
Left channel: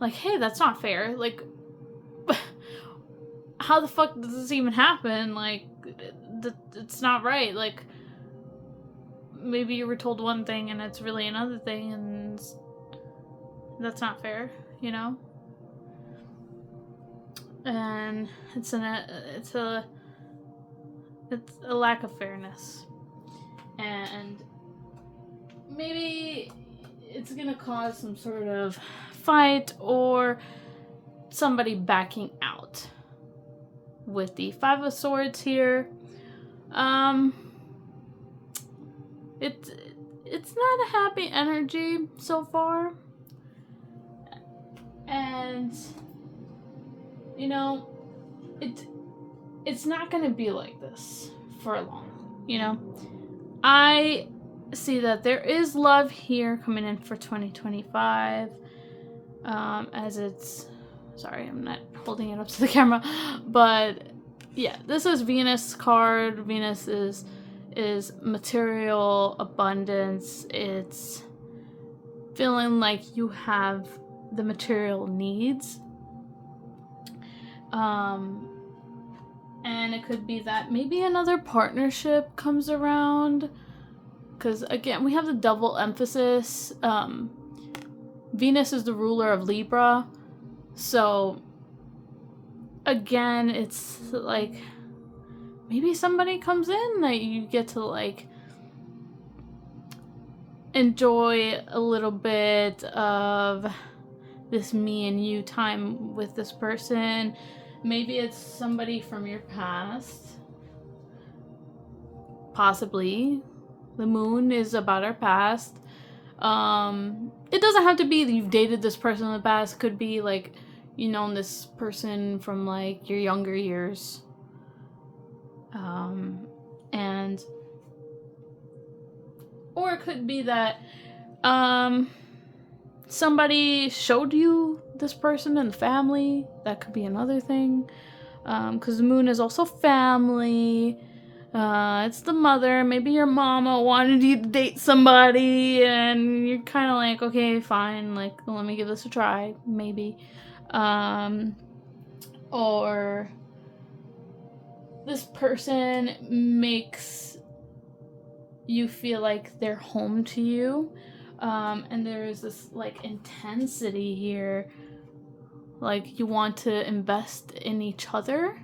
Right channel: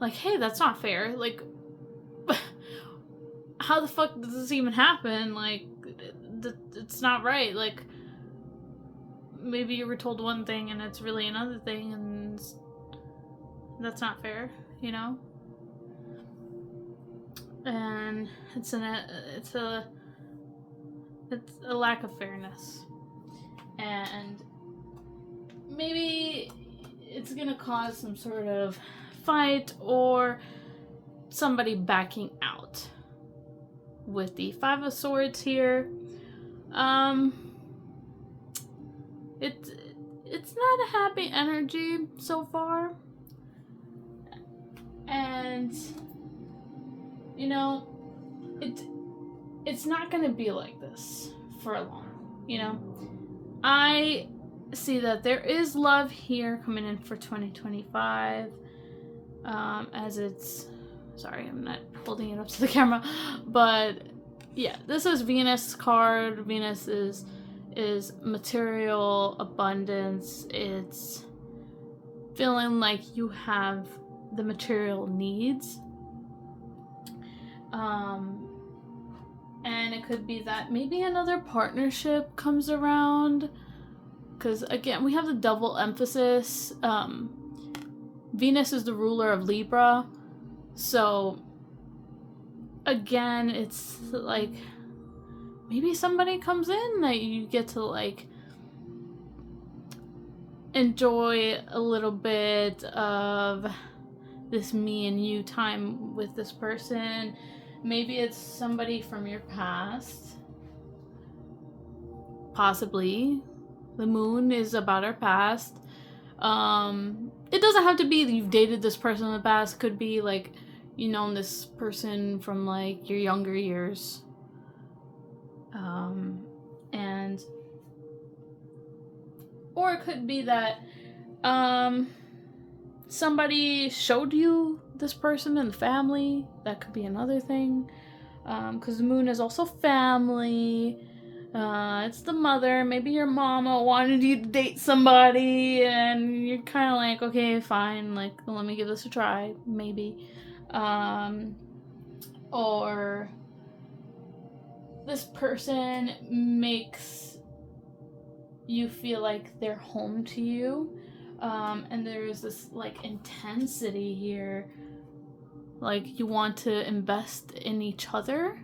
hey, that's not fair. Like, how the fuck does this even happen? Like, it's not right. Like, maybe you were told one thing and it's really another thing, and that's not fair, you know? And it's a lack of fairness. And maybe it's gonna cause some sort of fight or somebody backing out. With the 5 of Swords here, it's not a happy energy so far, and you know, it's not gonna be like this for long. You know, I see that there is love here coming in for 2025. As it's, sorry, I'm not holding it up to the camera, but yeah, this is Venus card. Venus is material abundance. It's feeling like you have the material needs. And it could be that maybe another partnership comes around, because again, we have the double emphasis. Venus is the ruler of Libra, so again, it's like maybe somebody comes in that you get to like enjoy a little bit of this me and you time with this person. Maybe it's somebody from your past. Possibly. The moon is about our past. It doesn't have to be that you've dated this person in the past. It could be like you've known this person from like your younger years. And Or it could be that somebody showed you this person in the family. That could be another thing. Because the moon is also family. It's the mother. Maybe your mama wanted you to date somebody and you're kind of like, okay, fine, like, let me give this a try, maybe. Or this person makes you feel like they're home to you. And there's this, like, intensity here. Like, you want to invest in each other.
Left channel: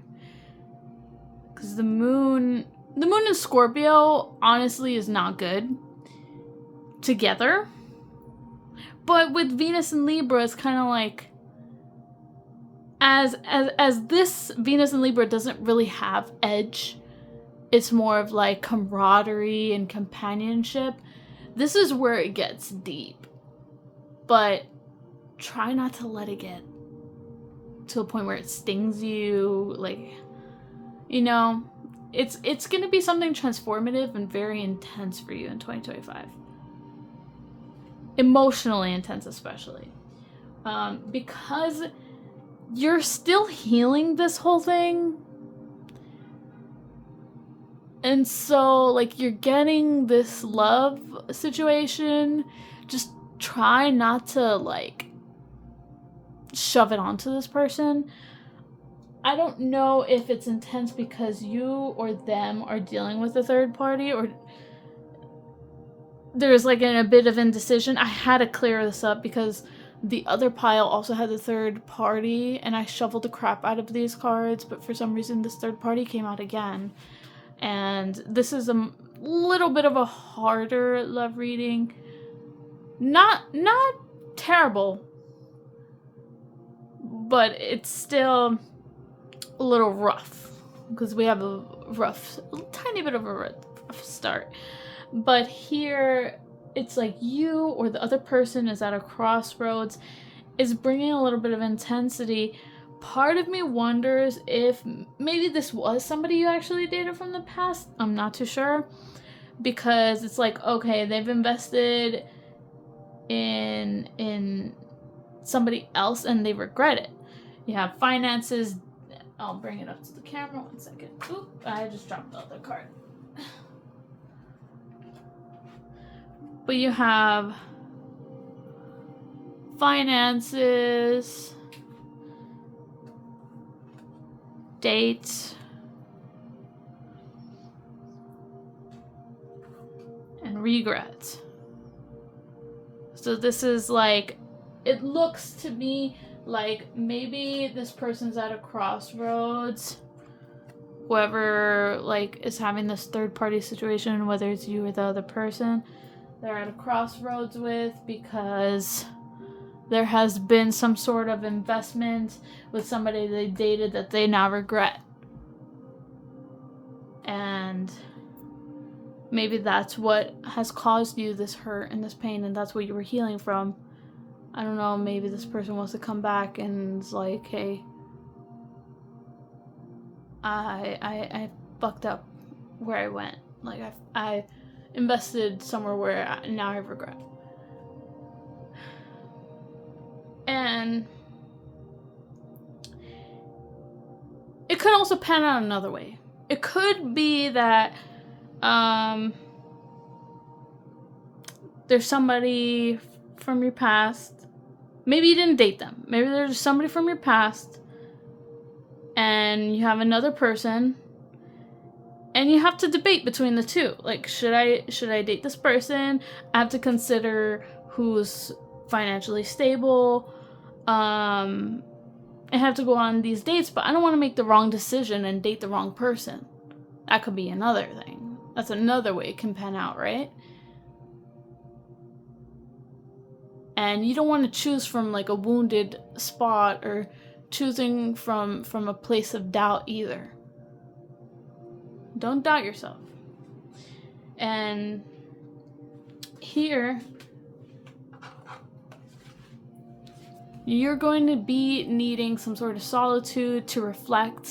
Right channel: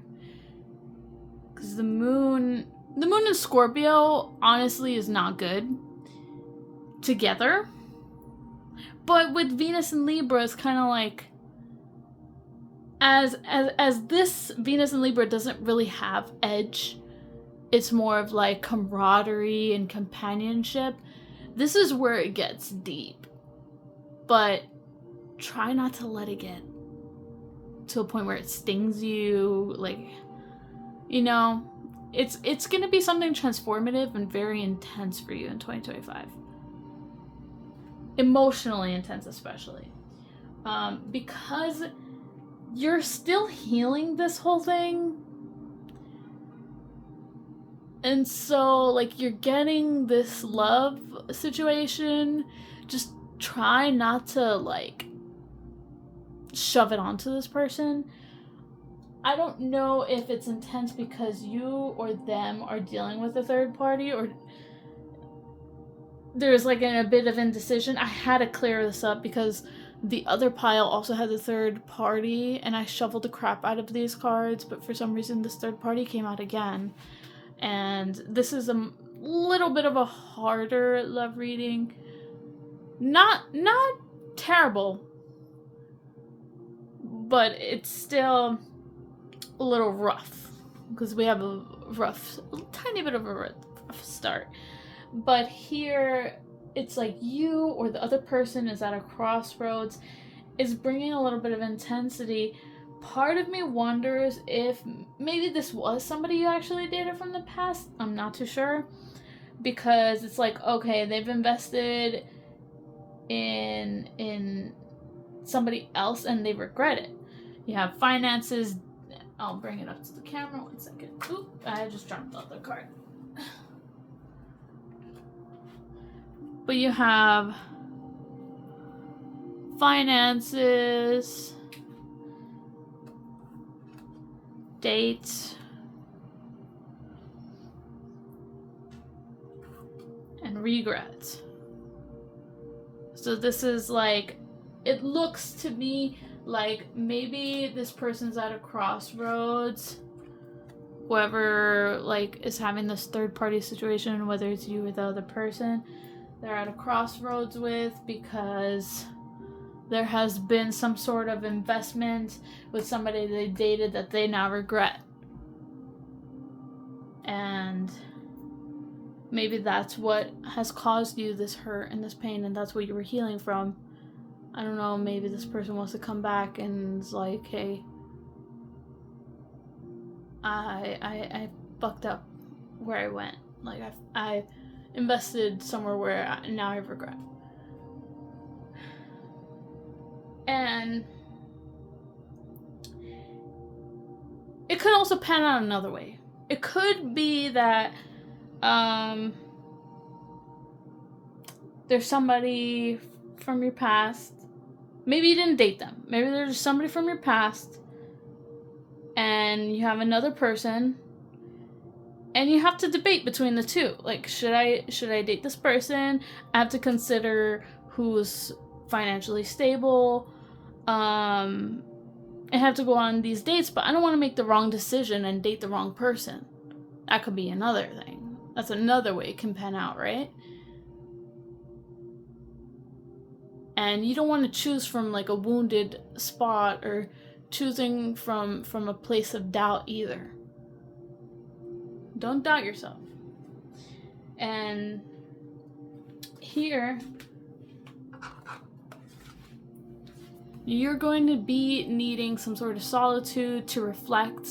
Because the moon in Scorpio, honestly, is not good together. But with Venus and Libra, it's kind of like, as this Venus and Libra doesn't really have edge, it's more of like camaraderie and companionship. This is where it gets deep. But try not to let it get to a point where it stings you. Like, you know, it's going to be something transformative and very intense for you in 2025. Emotionally intense, especially. Because you're still healing this whole thing. And so, like, you're getting this love situation. Just try not to, like, shove it onto this person. I don't know if it's intense because you or them are dealing with a third party, or there's, like, a bit of indecision. I had to clear this up because the other pile also had a third party, and I shuffled the crap out of these cards, but for some reason this third party came out again. And this is a little bit of a harder love reading. Not terrible, but it's still a little rough because we have a tiny bit of a rough start. But here it's like you or the other person is at a crossroads, is bringing a little bit of intensity. Part of me wonders if maybe this was somebody you actually dated from the past. I'm not too sure, because it's like, okay, they've invested in somebody else and they regret it. You have finances. I'll bring it up to the camera 1 second. Oop, I just dropped the other card. But you have finances, dates, and regrets. So this is like, it looks to me like maybe this person's at a crossroads. Whoever, like, is having this third party situation, whether it's you or the other person, they're at a crossroads with, because there has been some sort of investment with somebody they dated that they now regret. And maybe that's what has caused you this hurt and this pain, and that's what you were healing from. I don't know, maybe this person wants to come back and is like, hey, I fucked up where I went. Like, I invested somewhere where now I regret. And it could also pan out another way. It could be that there's somebody from your past. Maybe you didn't date them. Maybe there's somebody from your past and you have another person and you have to debate between the two. Like, should I date this person? I have to consider who's financially stable. I have to go on these dates, but I don't want to make the wrong decision and date the wrong person. That could be another thing. That's another way it can pan out, right? And you don't want to choose from, like, a wounded spot or choosing from a place of doubt either. Don't doubt yourself. And here, you're going to be needing some sort of solitude to reflect,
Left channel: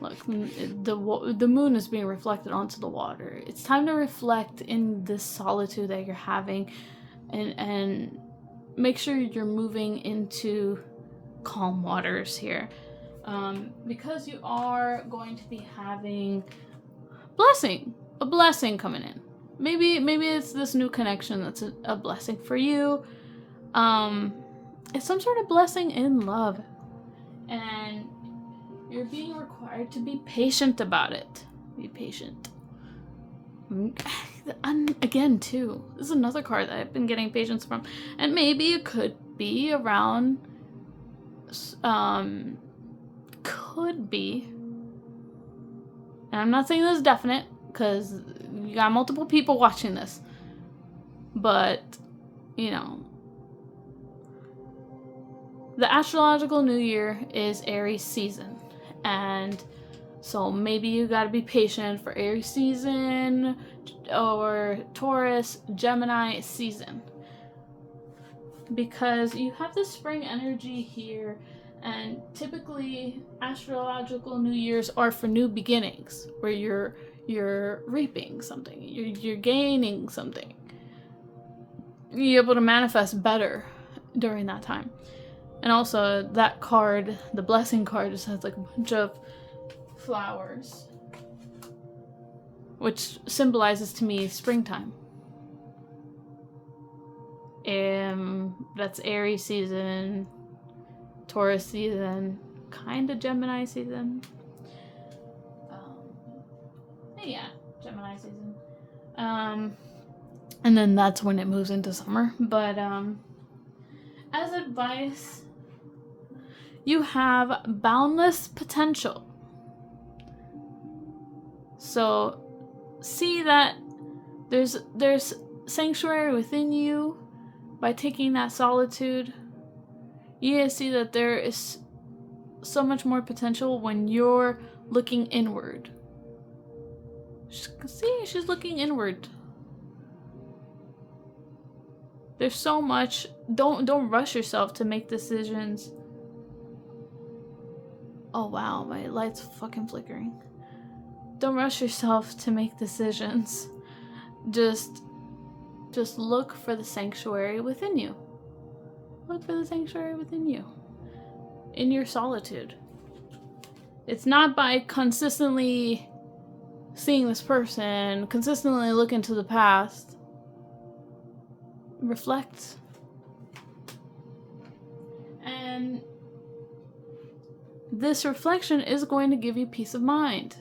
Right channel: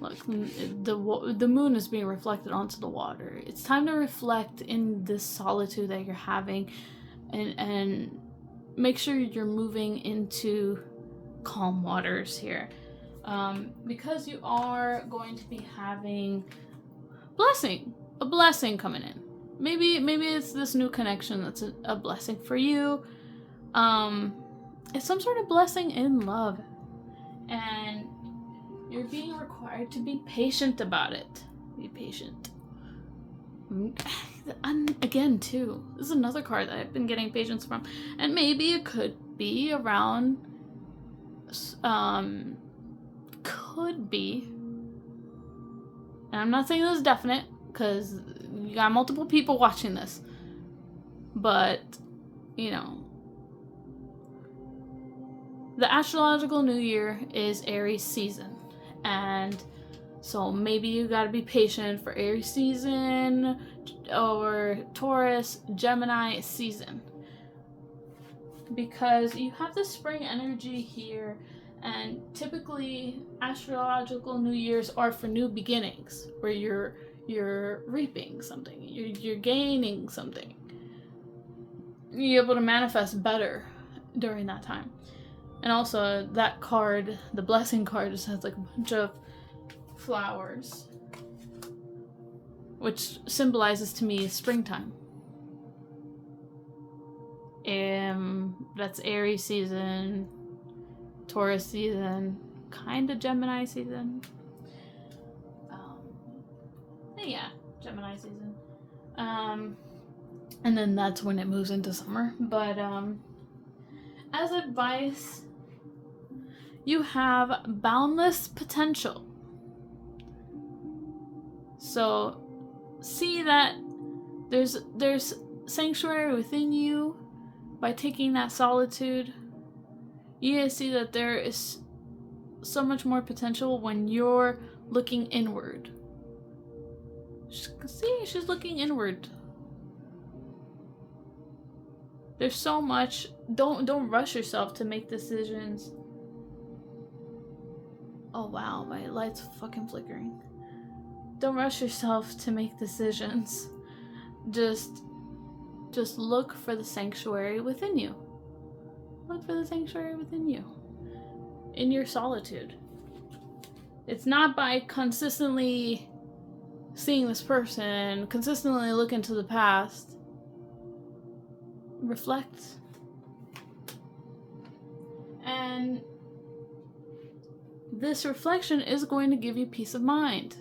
Look, the moon is being reflected onto the water. It's time to reflect in this solitude that you're having, and make sure you're moving into calm waters here, because you are going to be having a blessing coming in. Maybe it's this new connection that's a blessing for you. It's some sort of blessing in love, and you're being required to be patient about it. Be patient. And again, too, this is another card that I've been getting patience from, and maybe it could be around. Could be. And I'm not saying this is definite, because you got multiple people watching this. But, you know, the astrological new year is Aries season. And so maybe you gotta be patient for Aries season or Taurus, Gemini season. Because you have the spring energy here, and typically astrological new years are for new beginnings, where you're reaping something, you're gaining something. You're able to manifest better during that time. And also that card, the blessing card, just has like a bunch of flowers, which symbolizes to me springtime. That's Aries season, Taurus season, kind of Gemini season. Yeah, Gemini season. And then that's when it moves into summer. But as advice, you have boundless potential. So see that there's sanctuary within you. By taking that solitude, you guys see that there is so much more potential when you're looking inward. See, she's looking inward. There's so much. Don't rush yourself to make decisions. Oh wow, my light's fucking flickering. Don't rush yourself to make decisions. Just look for the sanctuary within you. Look for the sanctuary within you. In your solitude. It's not by consistently seeing this person, consistently looking to the past. Reflect. And this reflection is going to give you peace of mind.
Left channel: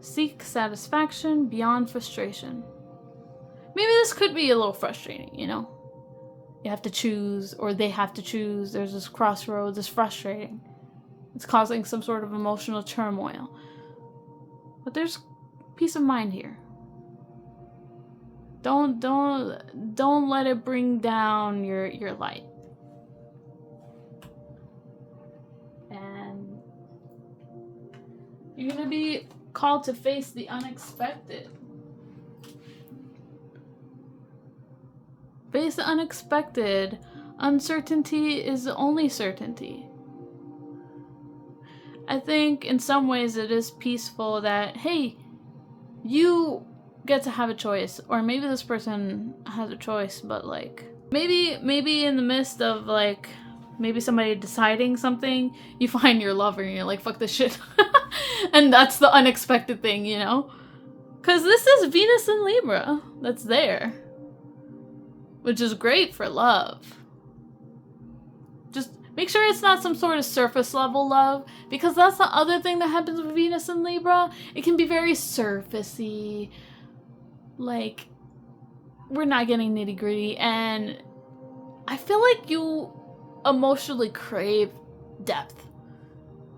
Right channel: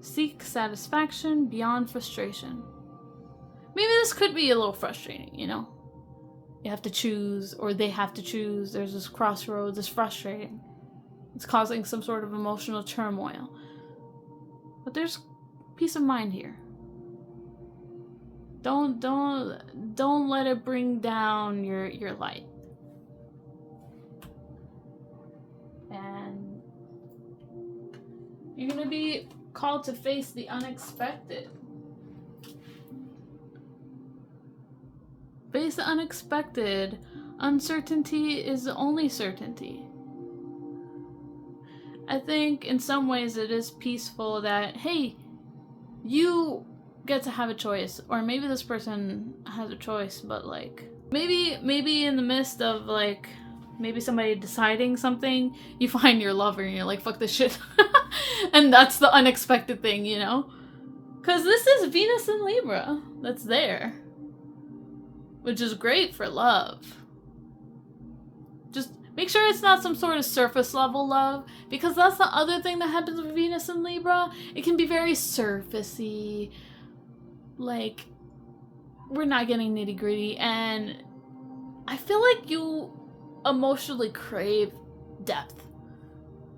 Seek satisfaction beyond frustration. Maybe this could be a little frustrating, you know? You have to choose, or they have to choose. There's this crossroads. It's frustrating. It's causing some sort of emotional turmoil. But there's peace of mind here. Don't let it bring down your light. And you're gonna be called to face the unexpected. Face the unexpected. Uncertainty is the only certainty. I think in some ways it is peaceful that, hey, you get to have a choice. Or maybe this person has a choice, but like, maybe in the midst of like, maybe somebody deciding something, you find your lover and you're like, fuck this shit. And that's the unexpected thing, you know? Because this is Venus in Libra that's there. Which is great for love. Just make sure it's not some sort of surface level love, because that's the other thing that happens with Venus and Libra. It can be very surfacey. Like, we're not getting nitty gritty, and I feel like you emotionally crave depth.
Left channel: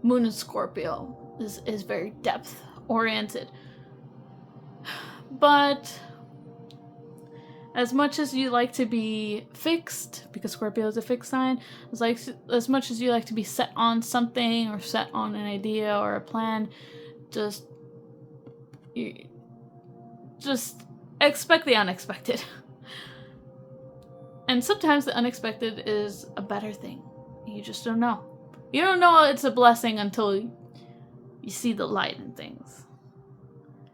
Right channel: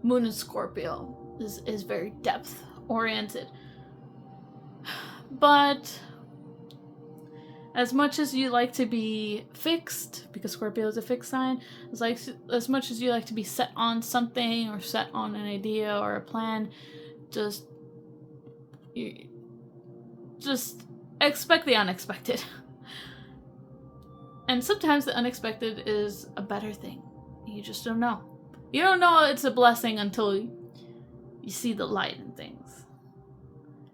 Moon in Scorpio is very depth oriented. But as much as you like to be fixed, because Scorpio is a fixed sign, as much as you like to be set on something or set on an idea or a plan, just expect the unexpected. And sometimes the unexpected is a better thing. You just don't know. You don't know it's a blessing until you see the light and things.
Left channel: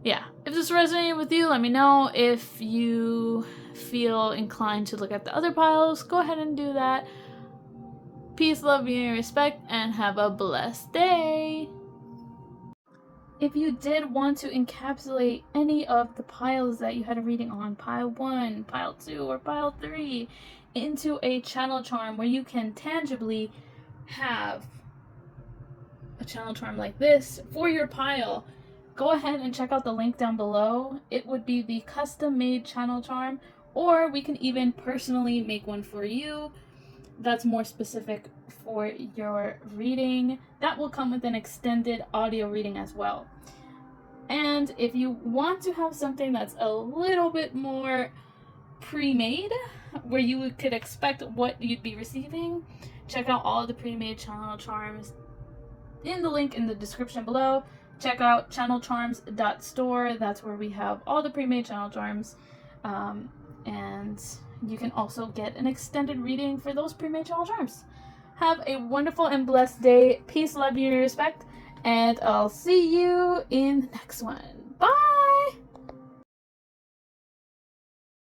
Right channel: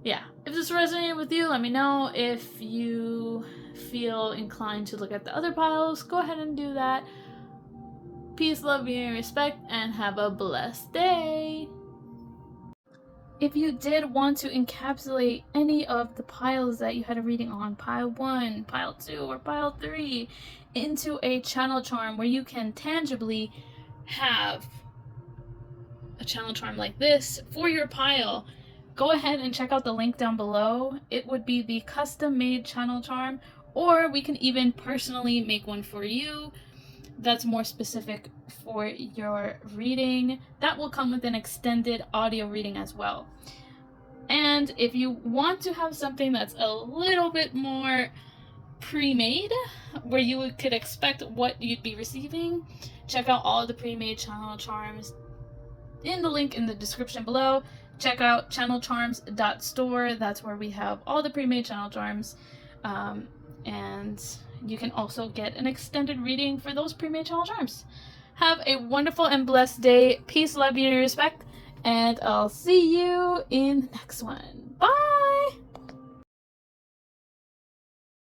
Yeah, if this resonated with you, let me know. If you feel inclined to look at the other piles, go ahead and do that. Peace, love, beauty, and respect, and have a blessed day. If you did want to encapsulate any of the piles that you had a reading on, pile 1, pile 2, or pile 3, into a channel charm where you can tangibly have a channel charm like this for your pile, go ahead and check out the link down below. It would be the custom made channel charm, or we can even personally make one for you that's more specific for your reading. That will come with an extended audio reading as well. And if you want to have something that's a little bit more pre-made, where you could expect what you'd be receiving, check out all the pre-made channel charms in the link in the description below. Check out channelcharms.store. That's where we have all the pre-made channel charms, and you can also get an extended reading for those pre-made channel charms. Have a wonderful and blessed day. Peace, love, beauty, and respect, and I'll see you in the next one.